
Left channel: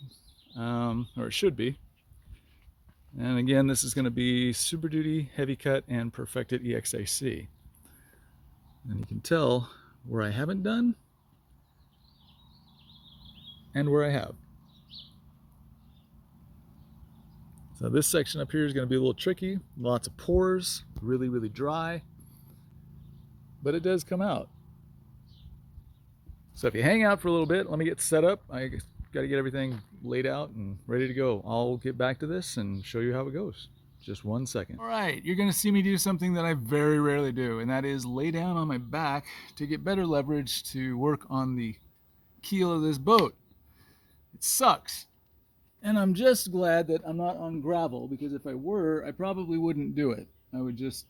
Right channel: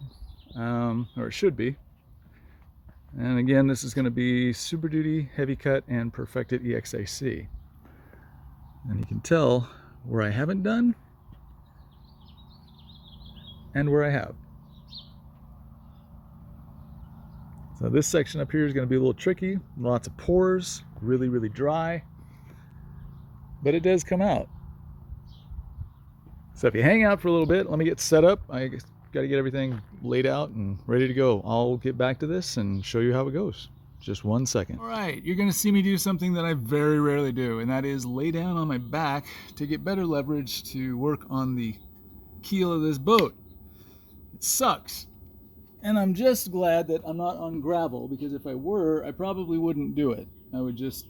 or it should be. And again, this is going to be Super Duty, Heavy Cut, and Perfected EXAC. And you can tell where I haven't done and where I have. So this section up here is going to be a little tricky. Lots of pores, really, really dry. But it does come out. So if you hang out for a little bit, let me get set up. I got to get everything laid out and ready to go. I'll get back to this and show you how it goes. Just 1 second. All right, you're going to see me do something that I very rarely do, and that is lay down on my back to get better leverage to work on the keel of this boat. It sucks. And I'm just glad that I'm not on gravel, because if I were, I probably wouldn't do it. I would just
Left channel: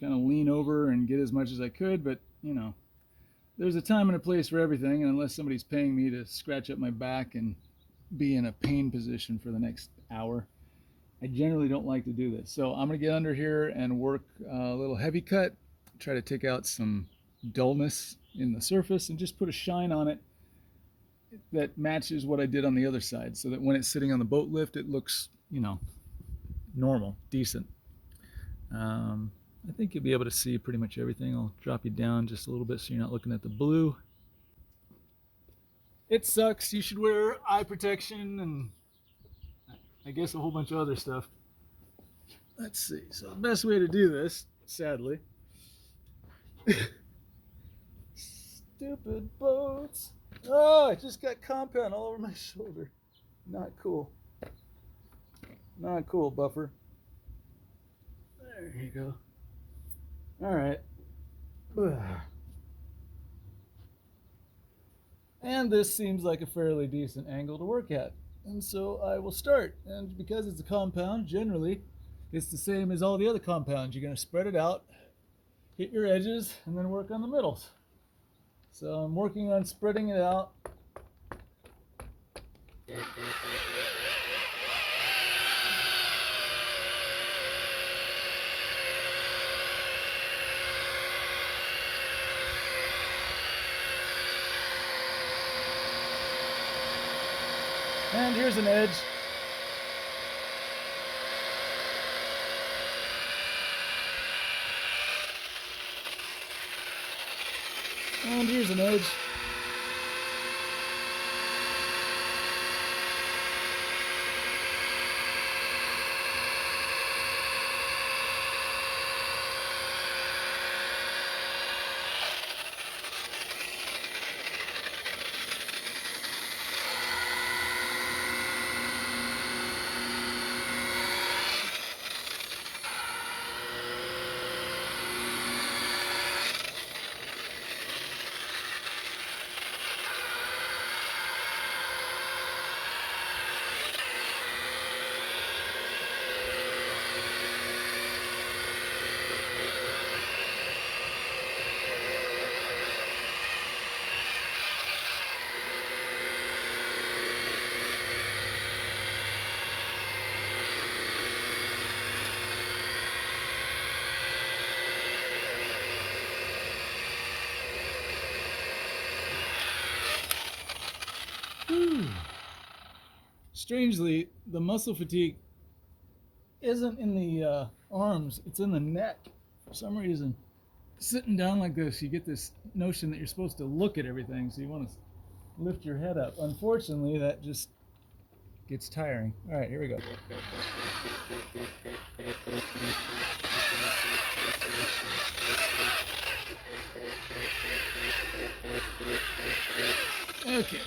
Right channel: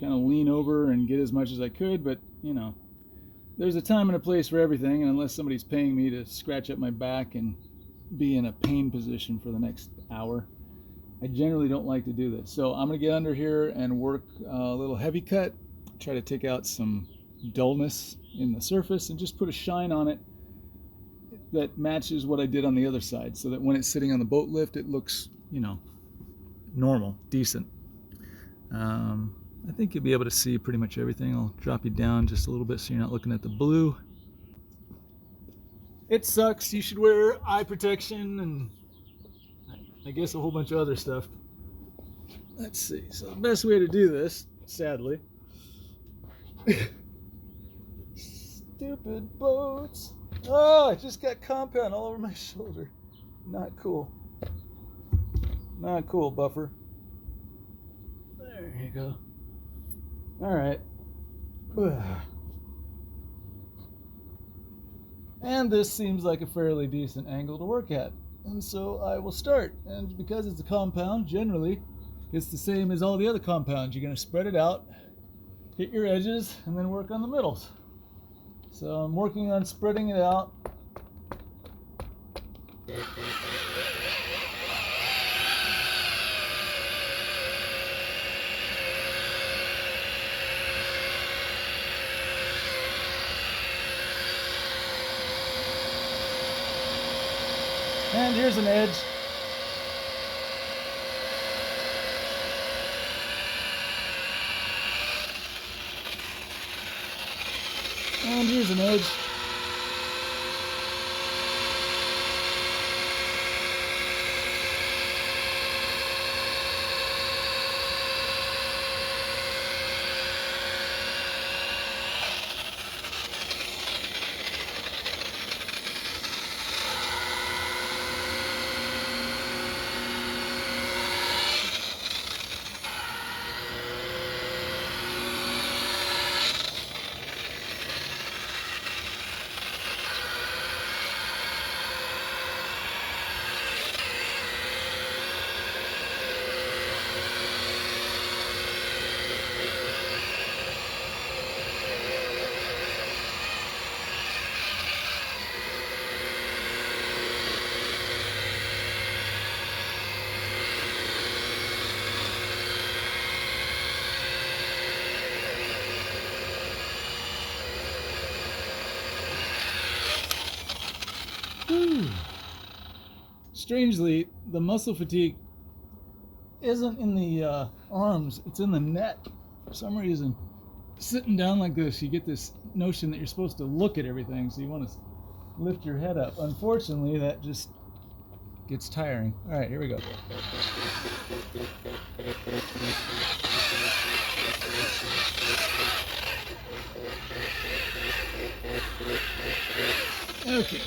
kind of lean over and get as much as I could, but you know, there's a time and a place for everything, and unless somebody's paying me to scratch up my back and be in a pain position for the next hour, I generally don't like to do this. So I'm going to get under here and work a little heavy cut, try to take out some dullness in the surface and just put a shine on it that matches what I did on the other side, so that when it's sitting on the boat lift, it looks, you know, normal, decent. I think you'll be able to see pretty much everything. I'll drop you down just a little bit so you're not looking at the blue. It sucks. You should wear eye protection and I guess a whole bunch of other stuff. Let's see. So the best way to do this, sadly, stupid boats. Oh, I just got compound all over my shoulder. Not cool. Not cool, buffer. There you go. All right. And this seems like a fairly decent angle to work at. And so I will start. And because it's a compound, generally, it's the same as all the other compounds. You're going to spread it out, hit your edges, and then work on the middles. So I'm working on spreading it out. And here's an edge. And here's an edge. Strangely, the muscle fatigue isn't in the arms, it's in the neck. For some reason, sitting down like this, you get this notion that you're supposed to look at everything, so you want to lift your head up. Unfortunately, that just gets tiring. All right, here we go. Okay.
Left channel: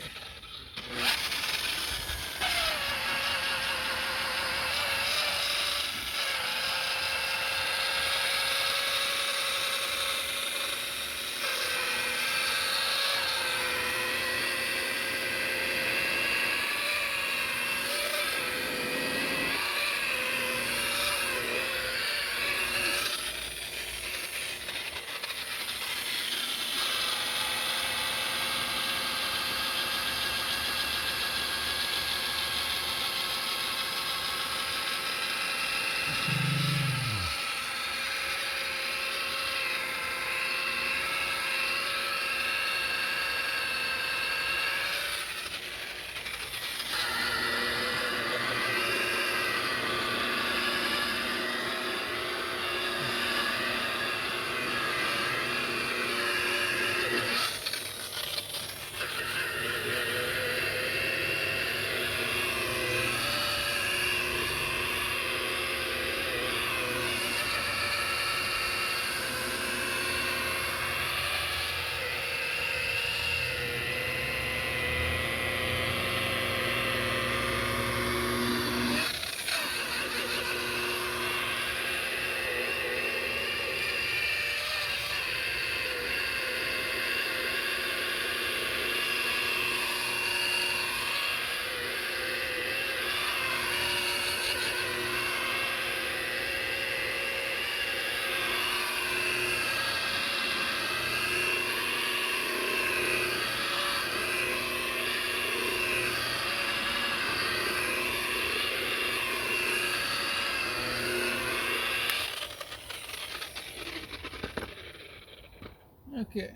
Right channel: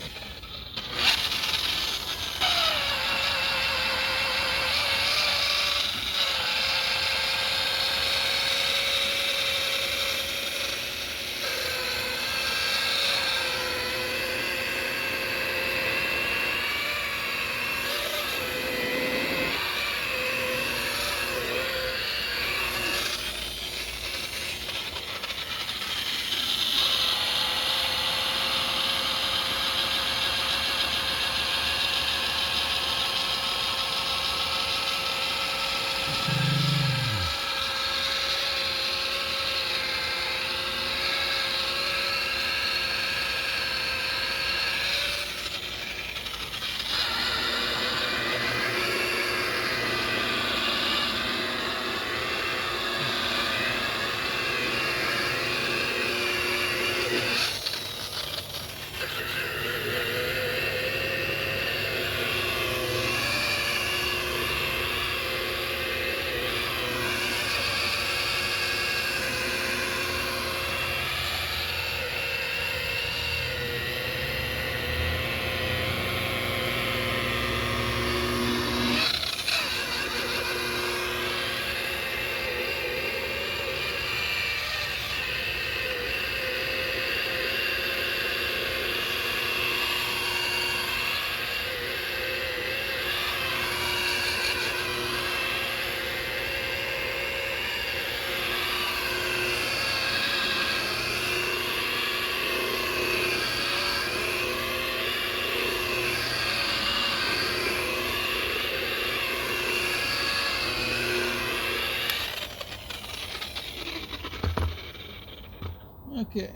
Okay.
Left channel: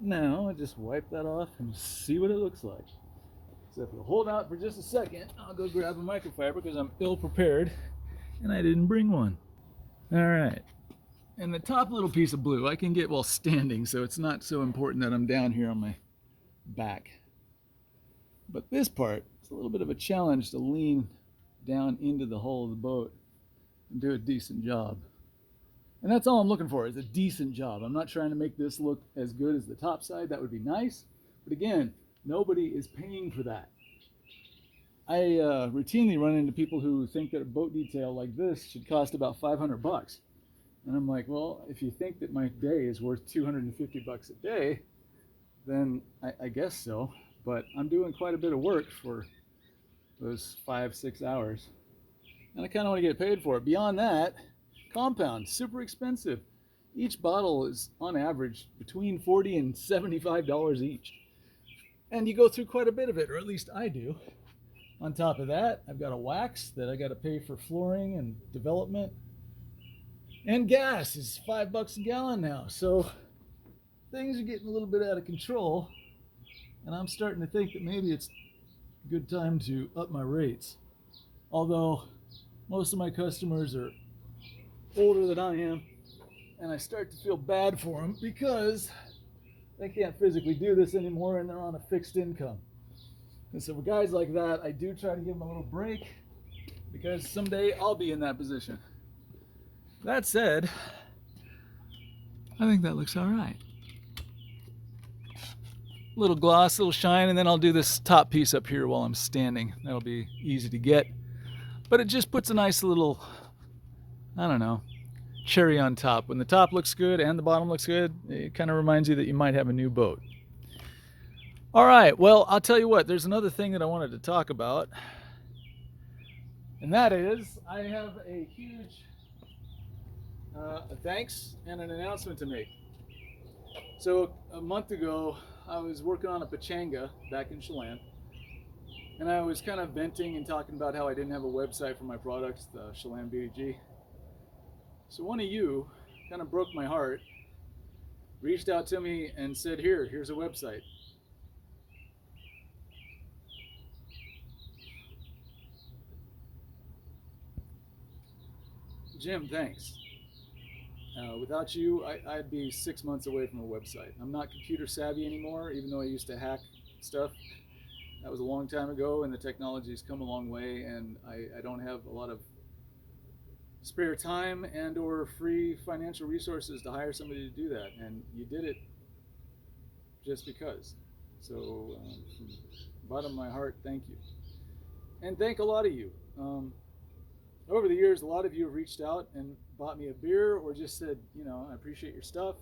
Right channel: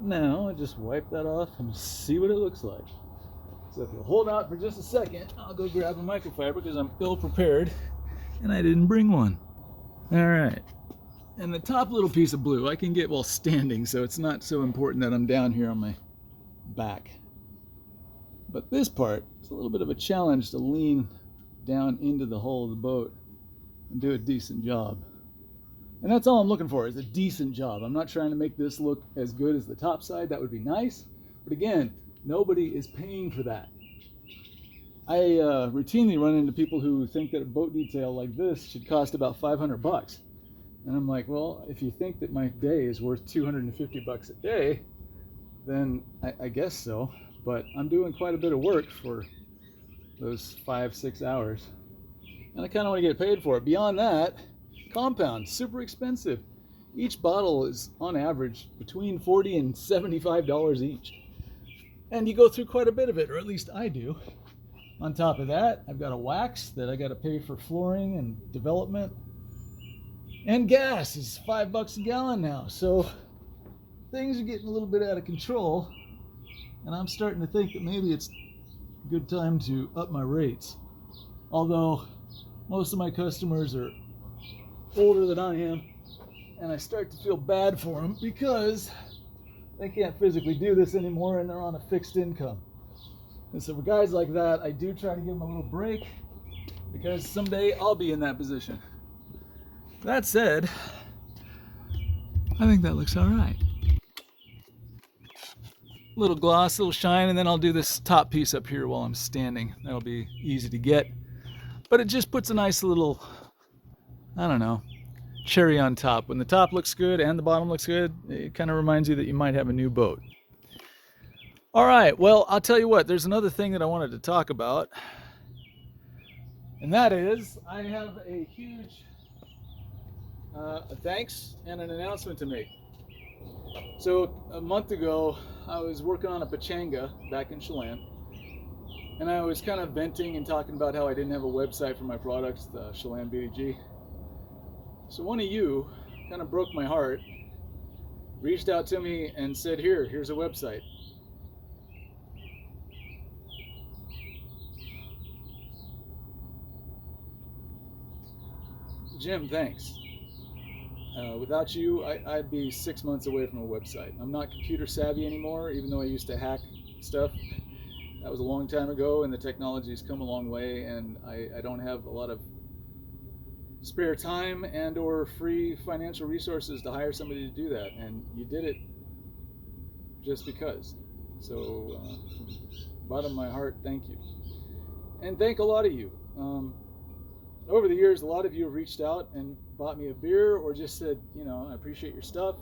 Now I just wipe that off and see what it looks like. So if you'll hold out for just a second, I'll go grab a microfiber because I'm ill prepared and I didn't bring one. All right. And the top little piece of blue I can get while standing, so it's not so important that I'm down here on my back. But this part, it's a little bit of a challenge to lean down into the hull of the boat and do a decent job. And that's all I'm looking for, is a decent job. I'm not trying to make this look as good as the top side. That would be nice. But again, nobody is paying for that. I routinely run into people who think that a boat detail like this should cost about $500. And I'm like, well, if you think that my day is worth $250 a day, then I guess so. But I'm doing quite a bit of work for those 5-6 hours. And I kind of want to get paid for it. Beyond that, compound, super expensive. Each bottle is on average between $40 and $75 each. And you go through quite a bit of it, or at least I do. On top of that, I've got a wax that I got to pay for flooring and development. And gas is $5 a gallon now. So things are getting a little bit out of control. And I'm starting to think that maybe it's a good time to up my rates. Although most of my customers are older than I am, and I start to feel bad for them because they can't physically do this anymore and they're on a fixed income. And so for guys like that, I do try to give them a little break because someday I'll be in that position. That said, I think that looks all right. Little gloss, little shine, and then I'll do this top piece up here while I'm standing. That'll be easy to get. But it just puts a nice little, I don't know, cherry on top. When the top looks good and the bottom looks good, it kind of reminds you that you might have a new boat. All right, well, I'll tell you what, there's another thing that I wanted to talk about. And that is, I have a huge thanks and an announcement to make. So a month ago, I was working on a pachanga back in Chelan. And I was kind of venting and talking about how I didn't have a website for my products, the Chelan BDG. So one of you kind of broke my heart, reached out to me and said, here's a website. Jim, thanks. Without you, I'd be 6 months away from a website. I'm not computer savvy anymore, even though I used to hack stuff. That was a long time ago, and the technology's come a long way, and I don't have a lot of spare time and or free financial resources to hire somebody to do that, and you did it just because. So from the bottom of my heart, thank you. And thank a lot of you. Over the years, a lot of you have reached out and bought me a beer or just said, I appreciate your stuff.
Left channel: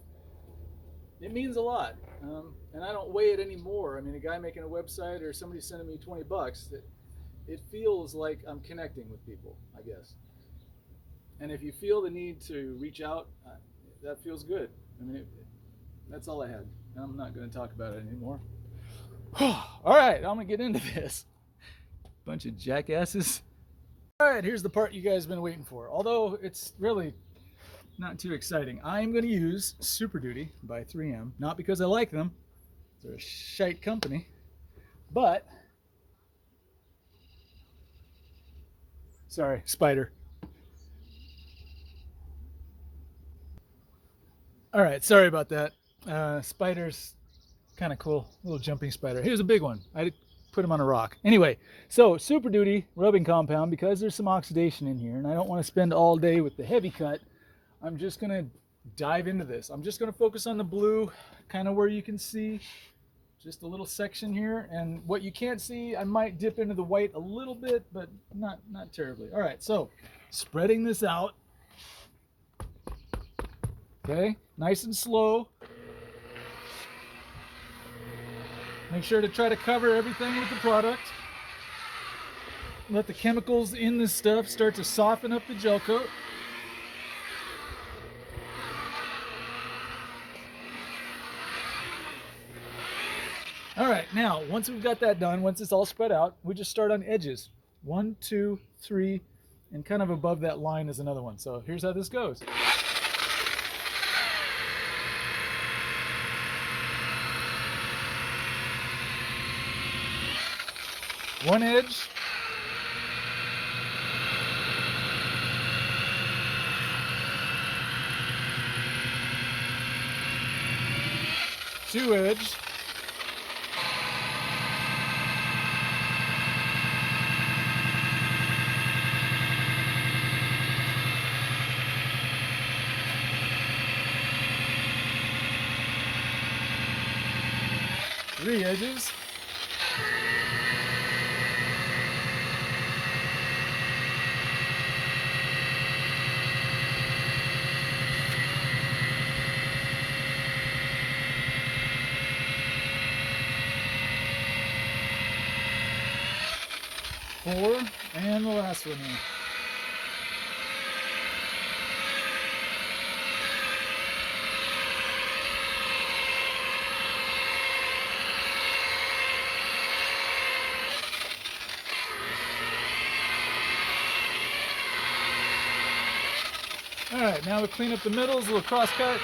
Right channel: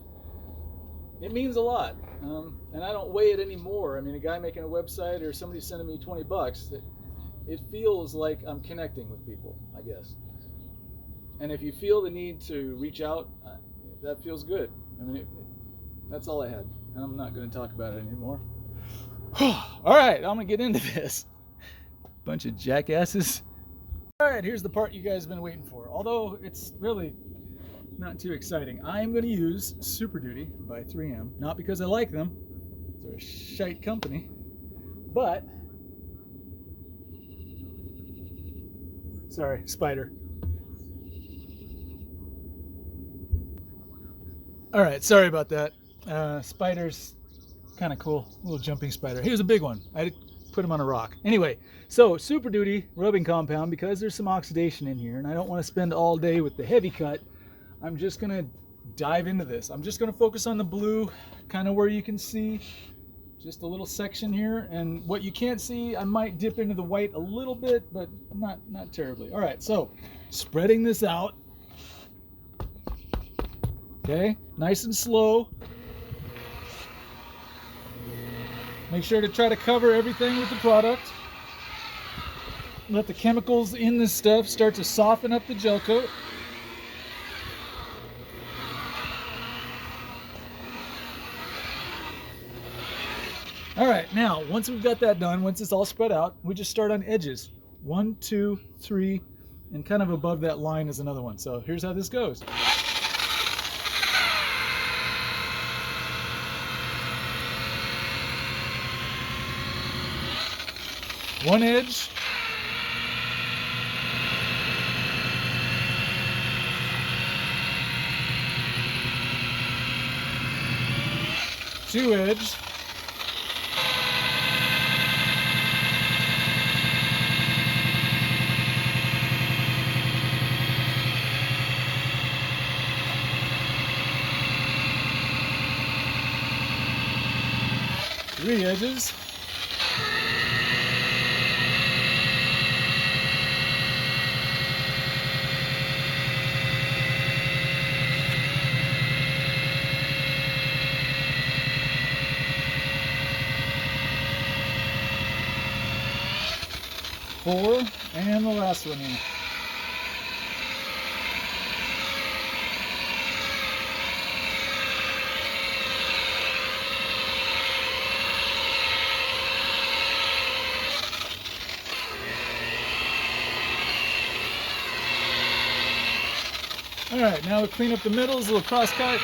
It means a lot, and I don't weigh it anymore. I mean, a guy making a website or somebody sending me $20, it feels like I'm connecting with people, I guess. And if you feel the need to reach out, that feels good. I mean, that's all I had, and I'm not going to talk about it anymore. All right, I'm going to get into this. Bunch of jackasses. All right, here's the part you guys have been waiting for, although it's really not too exciting. I'm going to use Super Duty by 3M, not because I like them. They're a shite company, but, sorry, spider. All right, sorry about that. Spider's kind of cool, little jumping spider. Here's a big one. I put him on a rock. Anyway, so Super Duty rubbing compound, because there's some oxidation in here, and I don't want to spend all day with the heavy cut. I'm just going to dive into this. I'm just going to focus on the blue, kind of where you can see just a little section here, and what you can't see, I might dip into the white a little bit, but not terribly. All right, so spreading this out. Okay, nice and slow. Make sure to try to cover everything with the product. Let the chemicals in this stuff start to soften up the gel coat. All right, now, once we've got that done, once it's all spread out, we just start on edges. 1, 2, 3, and kind of above that line is another one. So here's how this goes. One edge. Two edge. Three edges. Four, and the last one in. All right, now we'll clean up the middles, a little cross cut.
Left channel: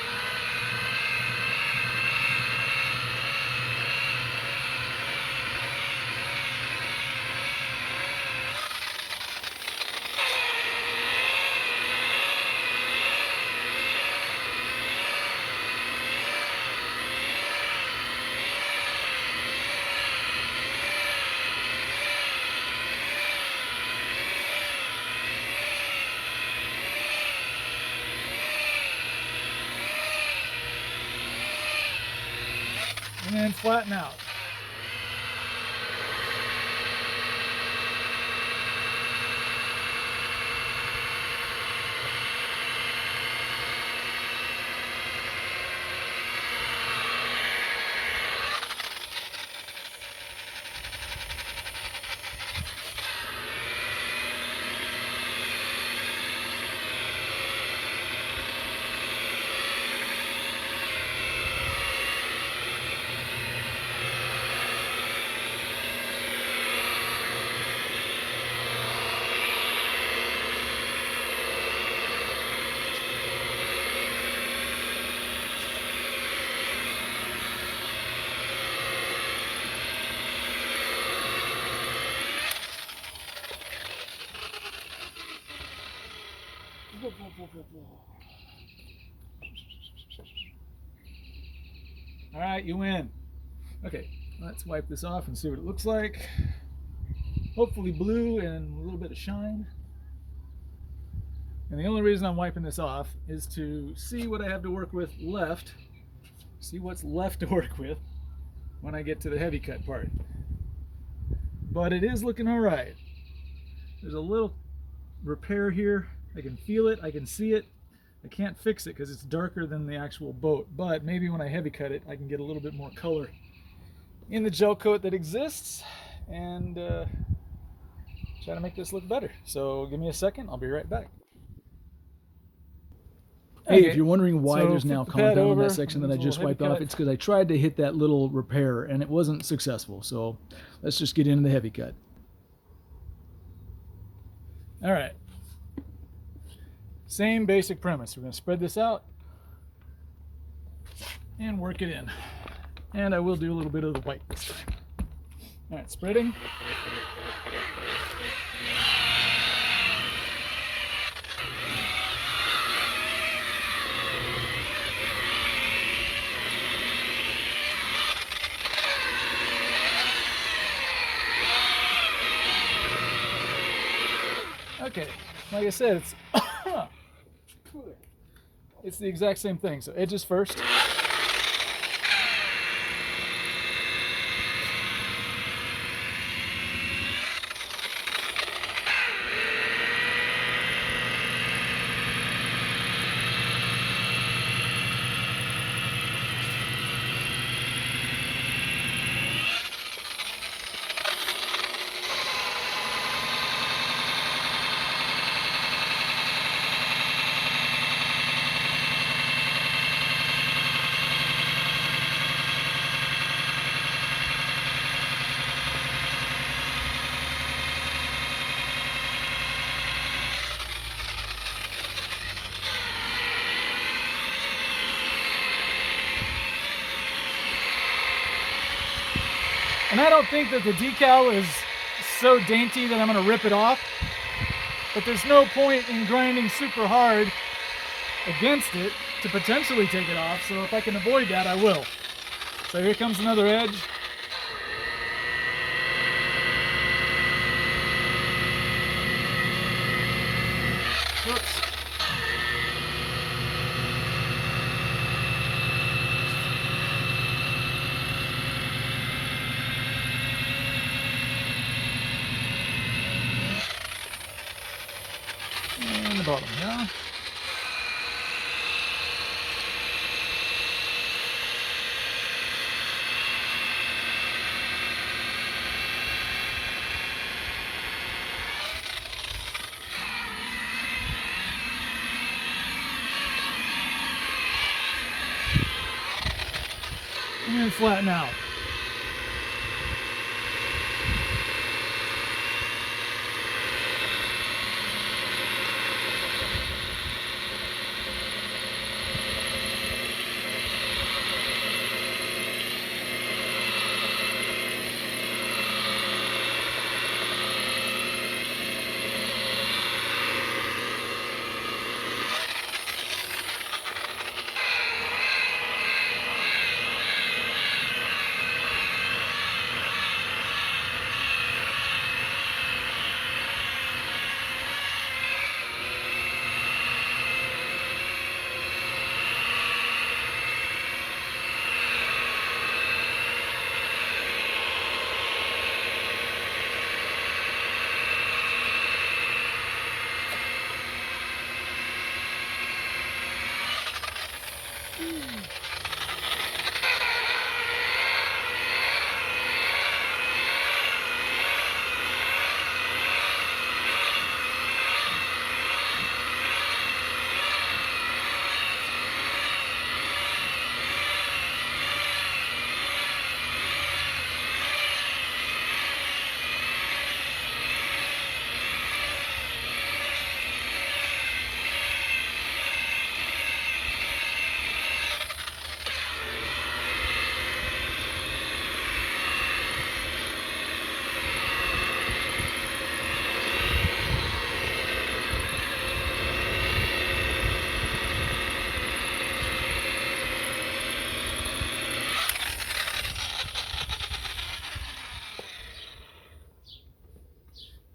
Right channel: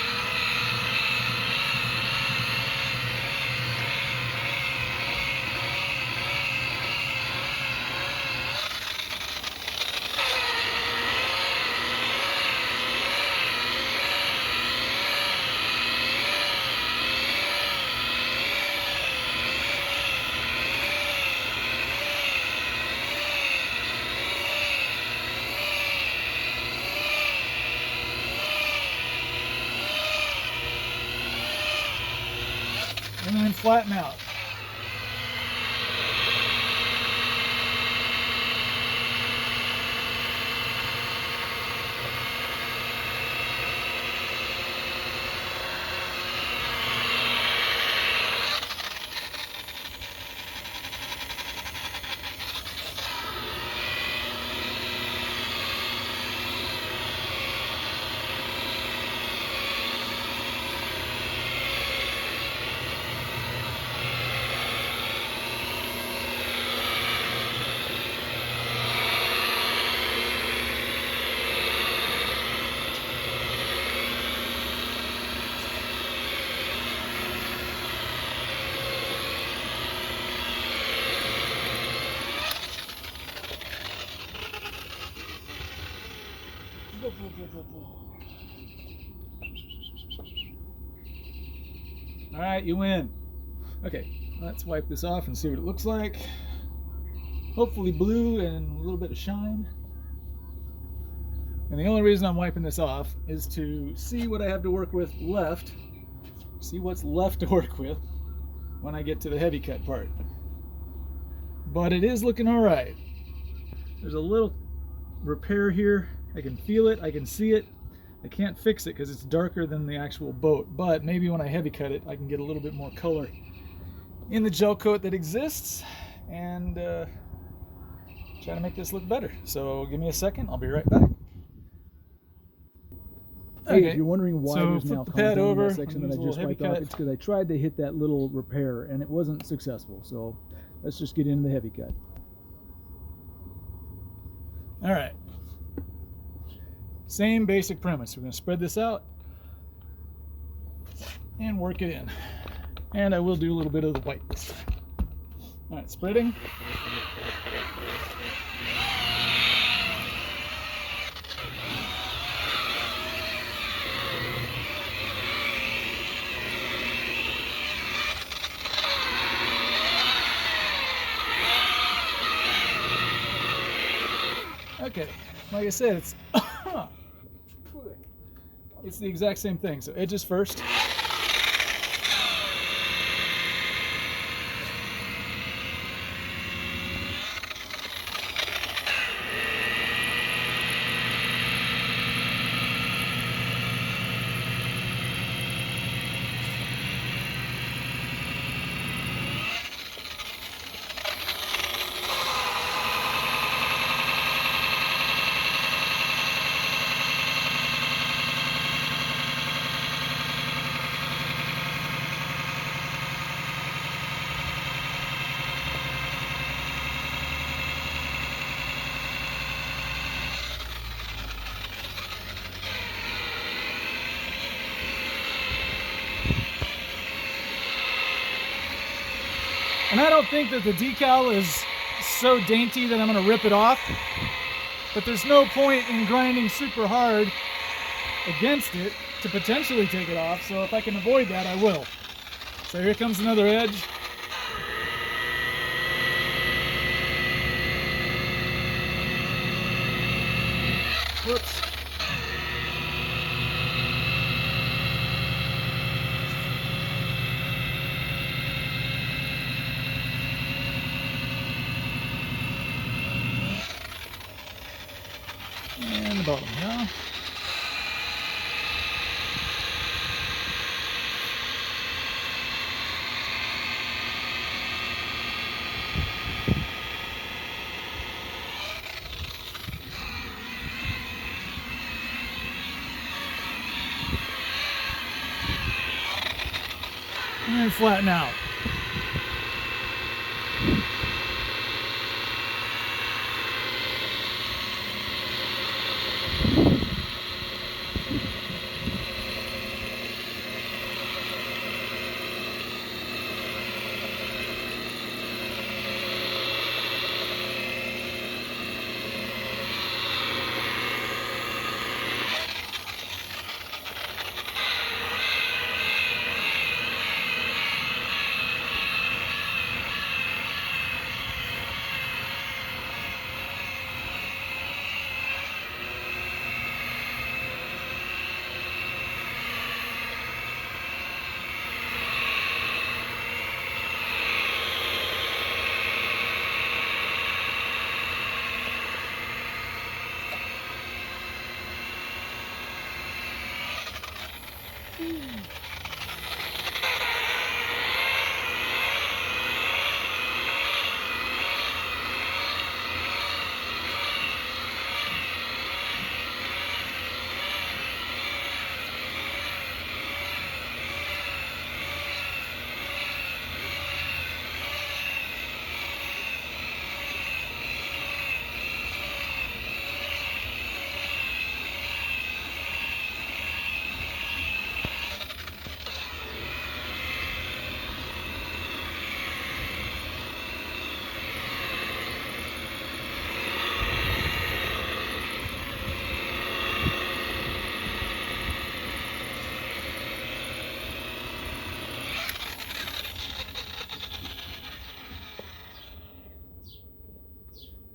And then flatten out. All right, you win. Okay, let's wipe this off and see what it looks like. Hopefully blue and a little bit of shine. And the only reason I'm wiping this off is to see what I have to work with left. See what's left to work with when I get to the heavy cut part. But it is looking all right. There's a little repair here. I can feel it, I can see it. I can't fix it because it's darker than the actual boat, but maybe when I heavy cut it, I can get a little bit more color in the gel coat that exists and try to make this look better. So give me a second, I'll be right back. Hey, Okay, if you're wondering why so there's now flip the pad content on over, that section that I and there's a just little wiped heavy off, cut. it's because I tried to hit that little repair and it wasn't successful. So let's just get into the heavy cut. All right. Same basic premise. We're going to spread this out and work it in. And I will do a little bit of the white this time. All right, spreading. Okay, like I said, it's the exact same thing. So edges first. And I don't think that the decal is so dainty that I'm going to rip it off. But there's no point in grinding super hard against it to potentially take it off. So if I can avoid that, I will. So here comes another edge. Whoops. And the bottom, yeah. And then flatten out.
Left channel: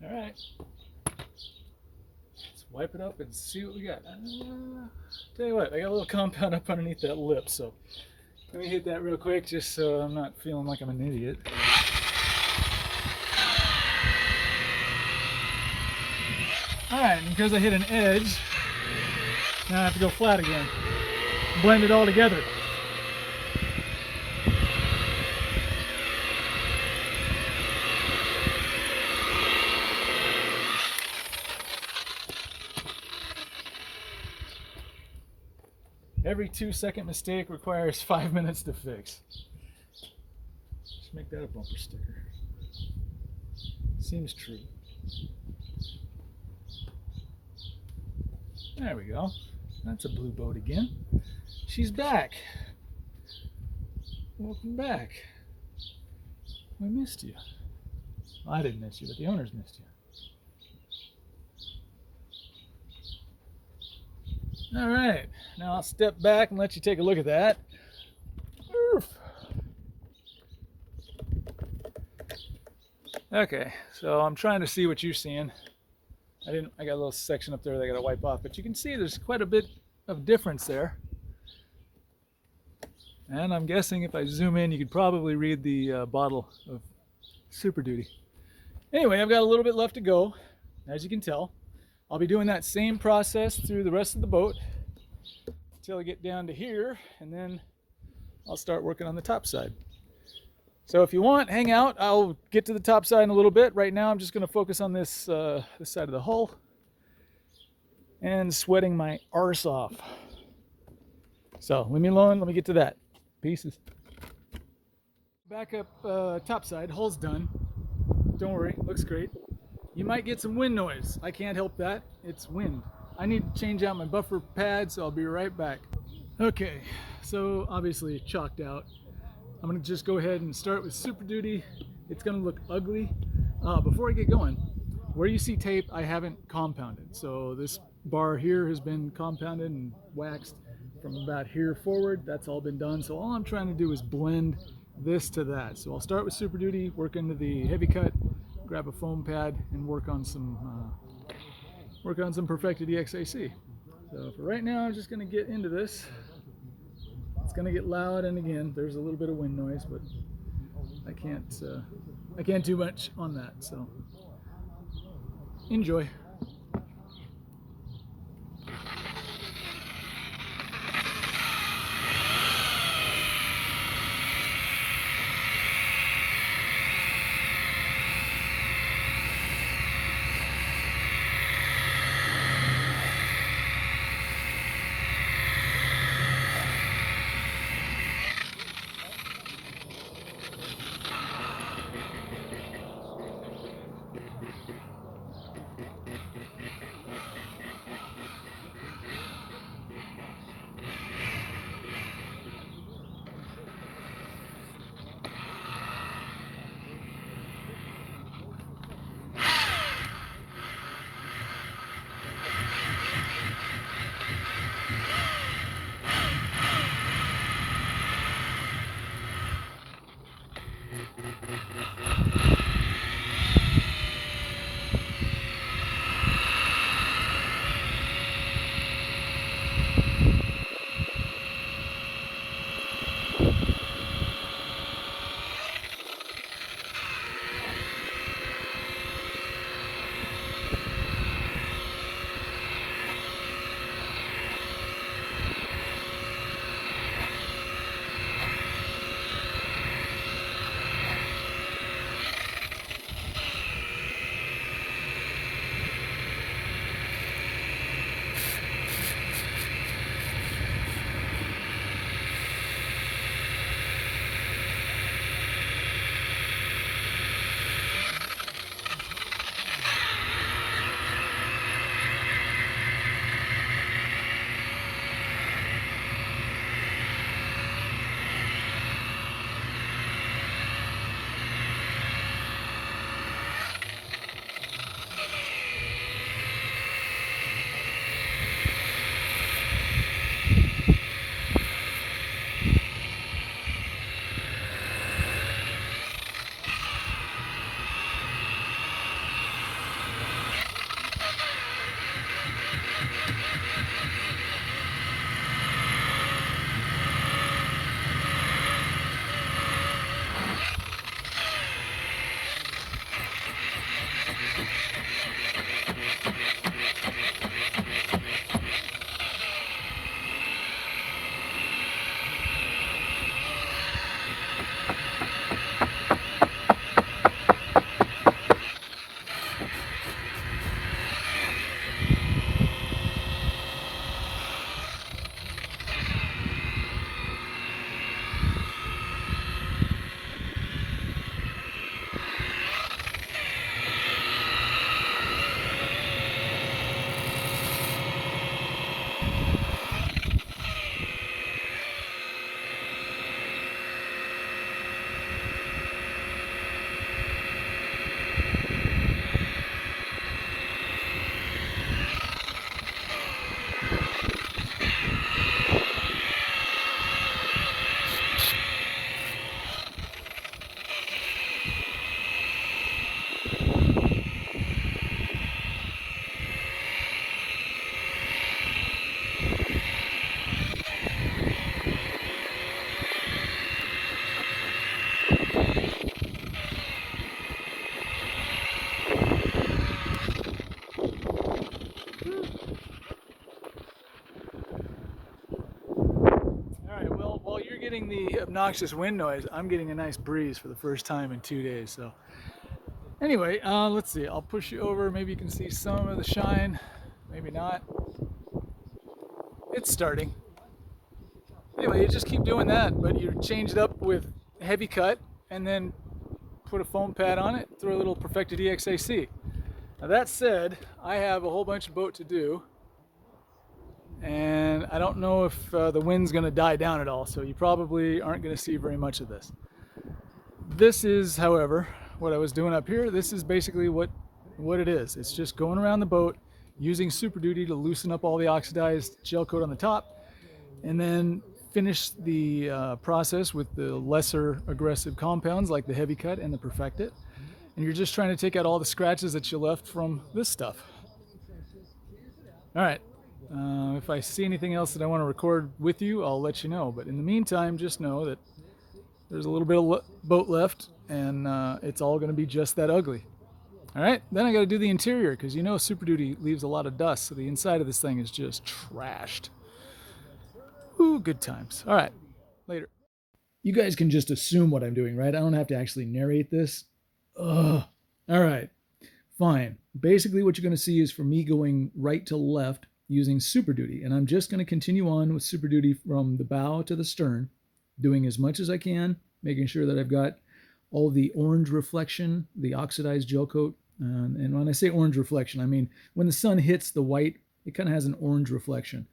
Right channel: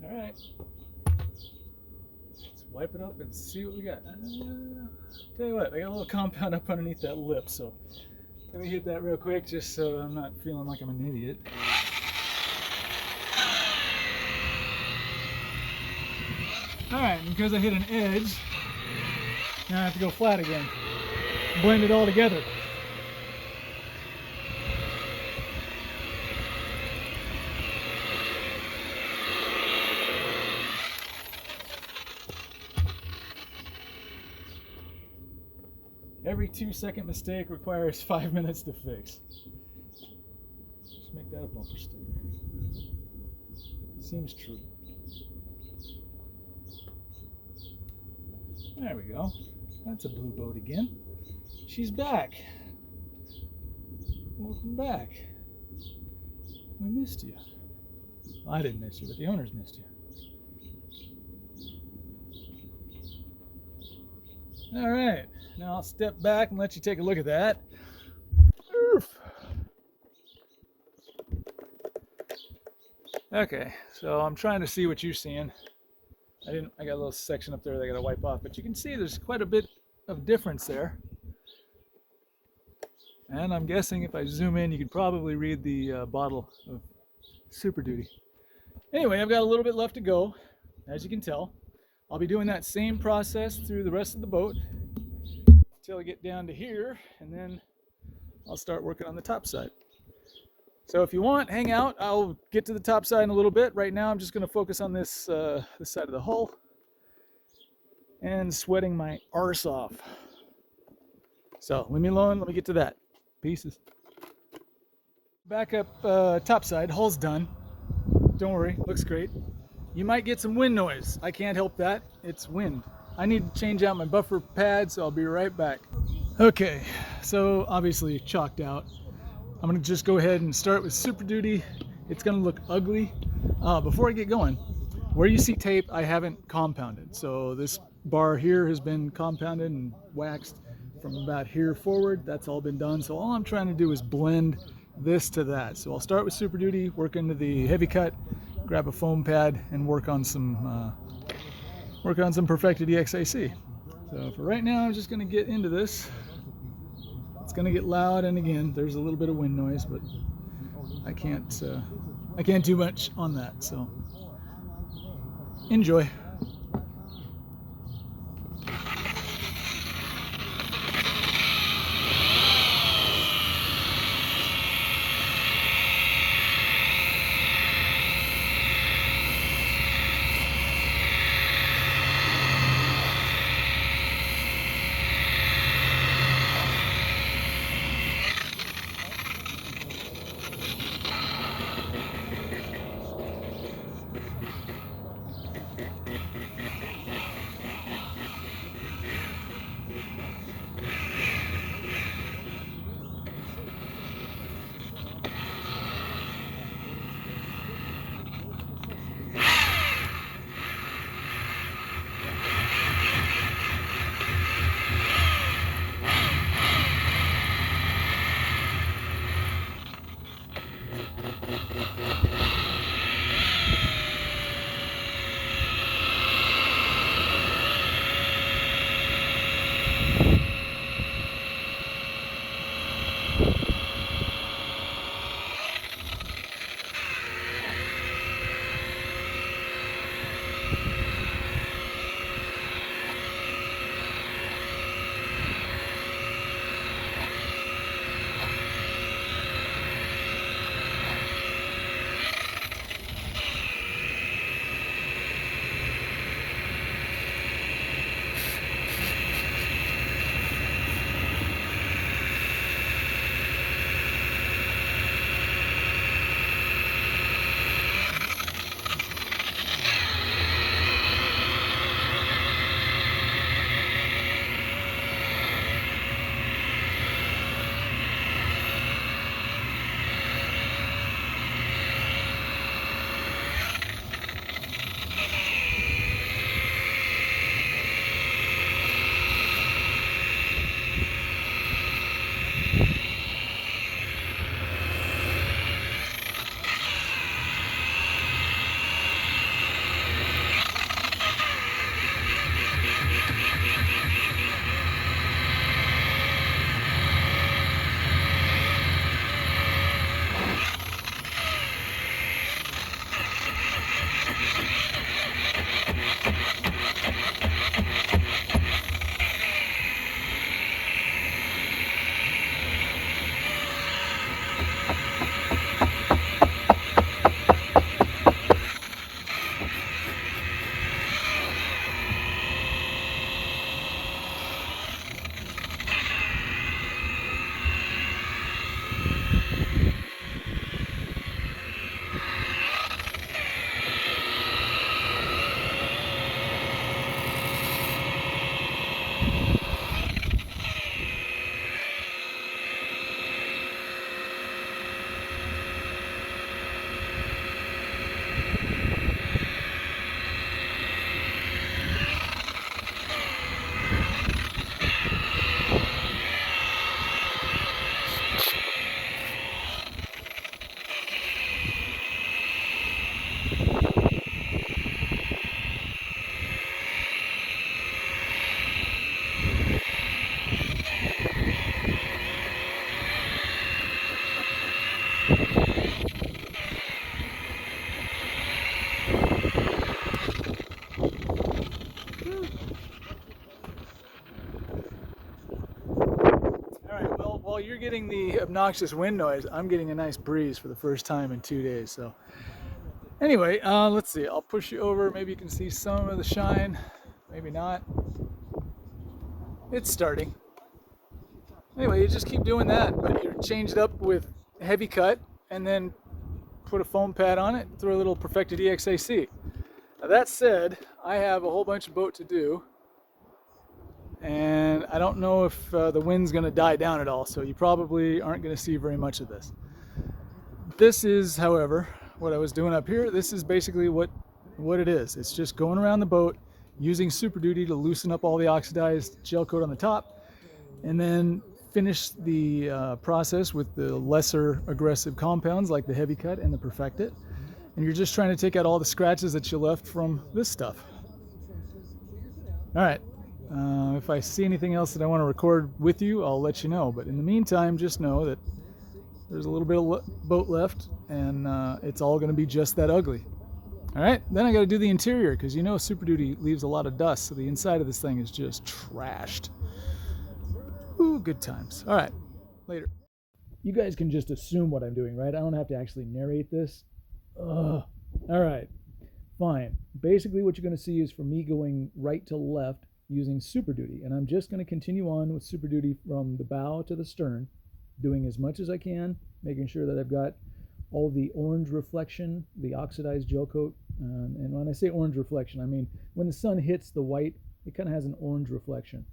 All right, let's wipe it up and see what we got. Tell you what, I got a little compound up underneath that lip, so let me hit that real quick just so I'm not feeling like I'm an idiot. All right, and because I hit an edge, now I have to go flat again. Blend it all together. Every 2-second mistake requires 5 minutes to fix. Just make that a bumper sticker. Seems true. There we go. That's a blue boat again. She's back. Welcome back. We missed you. Well, I didn't miss you, but the owners missed you. All right, now I'll step back and let you take a look at that. Oof. Okay, so I'm trying to see what you're seeing. I got a little section up there that I gotta wipe off, but you can see there's quite a bit of difference there. And I'm guessing if I zoom in, you could probably read the bottle of Super Duty. Anyway, I've got a little bit left to go, as you can tell. I'll be doing that same process through the rest of the boat until I get down to here, and then I'll start working on the top side. So if you want, hang out. I'll get to the top side in a little bit. Right now I'm just going to focus on this side of the hull and sweating my arse off. So leave me alone. Let me get to that. Pieces. Back up top side. Hull's done. Don't worry. Looks great. You might get some wind noise. I can't help that. It's wind. I need to change out my buffer pad, so I'll be right back. Okay, so obviously chalked out. I'm gonna just go ahead and start with Super Duty. It's gonna look ugly, Before I get going, where you see tape, I haven't compounded. So this bar here has been compounded and waxed from about here forward. That's all been done. So all I'm trying to do is blend this to that. So I'll start with Super Duty, work into the heavy cut, grab a foam pad, and work on some perfected EXAC. So for right now, I'm just going to get into this. It's going to get loud, and again, there's a little bit of wind noise, but I can't do much on that. So enjoy. While you're getting the obnoxious wind noise, I'm getting a nice breeze for the first time in 2 days. So anyway, let's see. I'll push you over. Maybe you can see some of the shine. Maybe not. It's starting. Anyway, you just keep doing that, but you change it up with heavy cut and then put a foam pad on it, throw a little perfected EXAC. Now that said, I have a whole bunch of boat to do, and I don't know if the wind's going to die down at all, so you probably aren't going to see very much of this. This is, however, what I was doing up here. This is basically what it is. It's just going around the boat using Super Duty to loosen up all the oxidized gel coat on the top, and then finish the process with the lesser aggressive compounds like the Heavy Cut and the Perfected. And you're just trying to take out all the scratches that you left from this stuff. All right, if I see anything else that I want to record with you, I'll let you know. But in the meantime, just know that there's a little bit of boat left, and it's all going to be just that ugly. All right, then I got to do the interior, because you know Super Duty leaves a lot of dust, so the inside of this thing is just trashed. Ooh, good times. All right, later. You guys can just assume what I'm doing, right? I don't have to actually narrate this. Ugh. All right, fine. Basically what you're going to see is for me going right to left using Super Duty, and I'm just going to continue on with Super Duty from the bow to the stern, doing as much as I can, making sure that I've got all the orange reflection, the oxidized gel coat. And when I say orange reflection, I mean when the sun hits the white, it kind of has an orange reflection.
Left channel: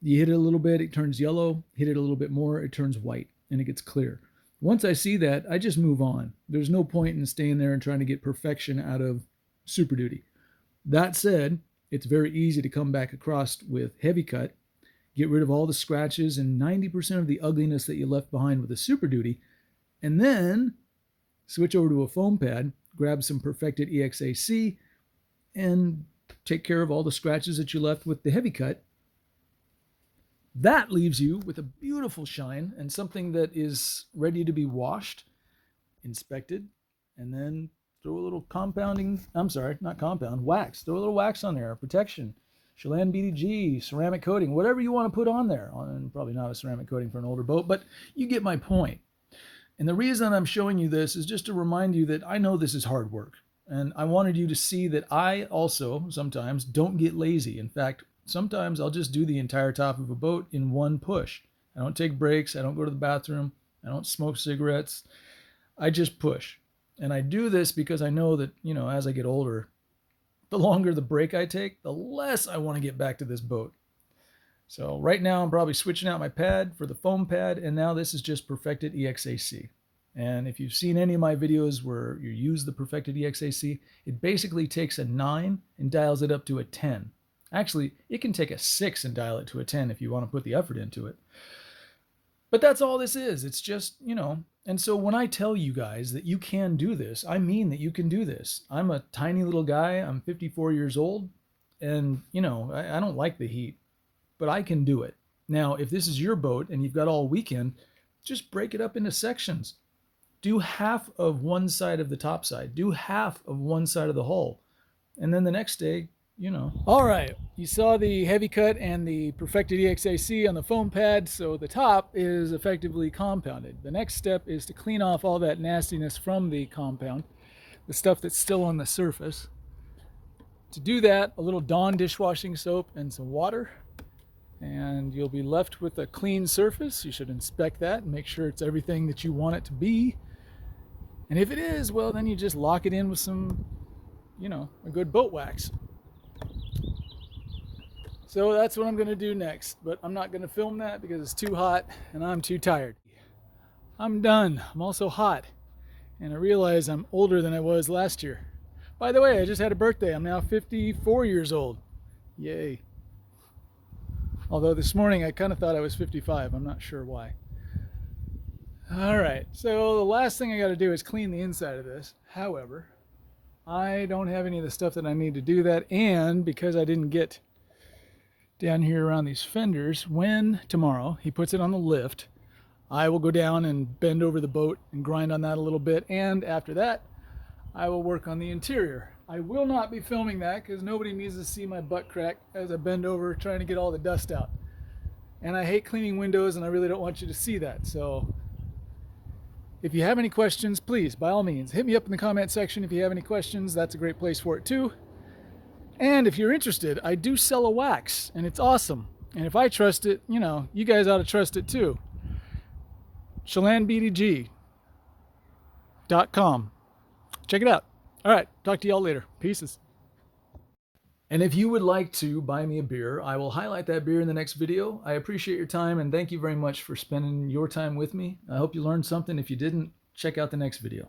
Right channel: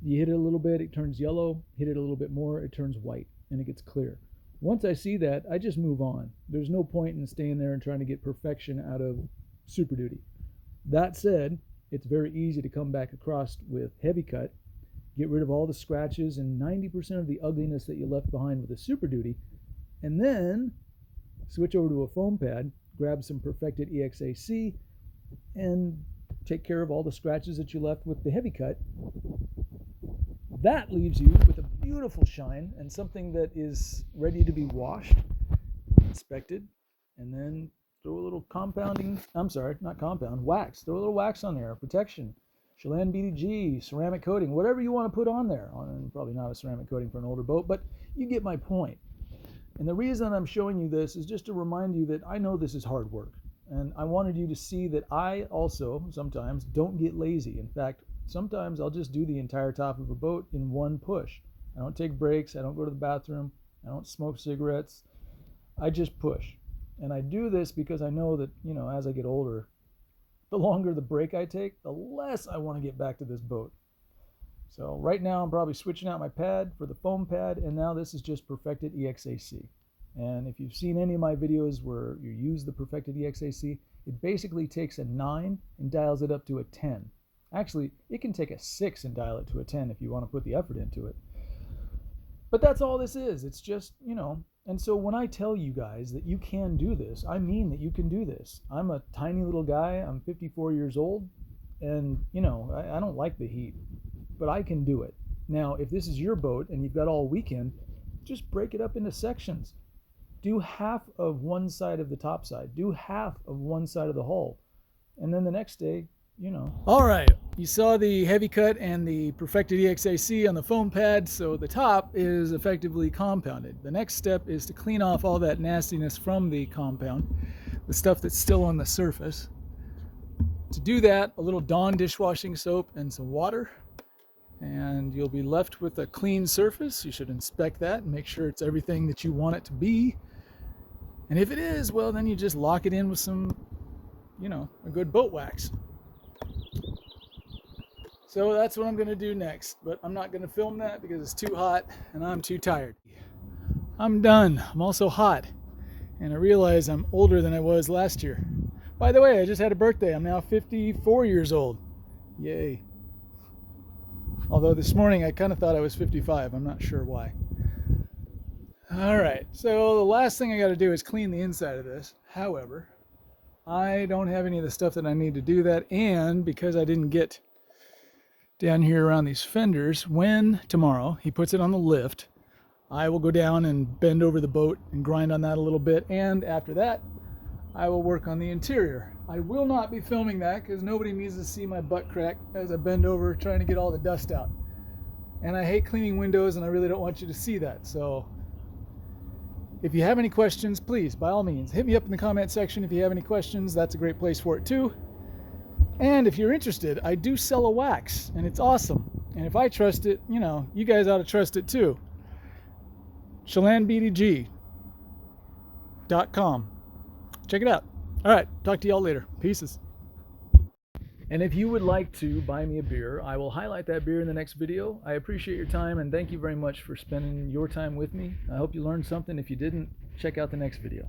You hit it a little bit, it turns yellow. Hit it a little bit more, it turns white, and it gets clear. Once I see that, I just move on. There's no point in staying there and trying to get perfection out of Super Duty. That said, it's very easy to come back across with Heavy Cut, get rid of all the scratches and 90% of the ugliness that you left behind with a Super Duty, and then switch over to a foam pad, grab some Perfected EXAC, and take care of all the scratches that you left with the Heavy Cut. That leaves you with a beautiful shine and something that is ready to be washed, inspected, and then throw a little wax. Throw a little wax on there, protection, Chelan BDG, ceramic coating, whatever you want to put on there. Probably not a ceramic coating for an older boat, but you get my point. And the reason I'm showing you this is just to remind you that I know this is hard work. And I wanted you to see that I also sometimes don't get lazy. In fact, sometimes I'll just do the entire top of a boat in one push. I don't take breaks. I don't go to the bathroom. I don't smoke cigarettes. I just push. And I do this because I know that, as I get older, the longer the break I take, the less I want to get back to this boat. So right now I'm probably switching out my pad for the foam pad, and now this is just Perfected EXAC. And if you've seen any of my videos where you use the Perfected EXAC, it basically takes a 9 and dials it up to a 10. Actually, it can take a 6 and dial it to a 10 if you want to put the effort into it. But that's all this is. It's just, and so when I tell you guys that you can do this, I mean that you can do this. I'm a tiny little guy. I'm 54 years old, and, I don't like the heat, but I can do it. Now, if this is your boat and you've got all weekend, just break it up into sections. Do half of one side of the top side. Do half of one side of the hull. And then the next day, All right, you saw the Heavy Cut and the Perfected EXAC on the foam pad, so the top is effectively compounded. The next step is to clean off all that nastiness from the compound, the stuff that's still on the surface. To do that, a little Dawn dishwashing soap and some water, and you'll be left with a clean surface. You should inspect that and make sure it's everything that you want it to be. And if it is, well, then you just lock it in with some, a good boat wax. So that's what I'm going to do next, but I'm not going to film that because it's too hot and I'm too tired. I'm done. I'm also hot, and I realize I'm older than I was last year. By the way, I just had a birthday. I'm now 54 years old. Yay. Although this morning I kind of thought I was 55. I'm not sure why. All right, so the last thing I got to do is clean the inside of this. However, I don't have any of the stuff that I need to do that, and because I didn't get down here around these fenders, when tomorrow he puts it on the lift, I will go down and bend over the boat and grind on that a little bit, and after that I will work on the interior. I will not be filming that because nobody needs to see my butt crack as I bend over trying to get all the dust out, and I hate cleaning windows, and I really don't want you to see that. So if you have any questions, please, by all means, hit me up in the comment section. If you have any questions, that's a great place for it too. And if you're interested, I do sell a wax, and it's awesome. And if I trust it, you guys ought to trust it too. ChelanBDG.com. Check it out. All right, talk to y'all later. Peaces. And if you would like to buy me a beer, I will highlight that beer in the next video. I appreciate your time, and thank you very much for spending your time with me. I hope you learned something. If you didn't, check out the next video.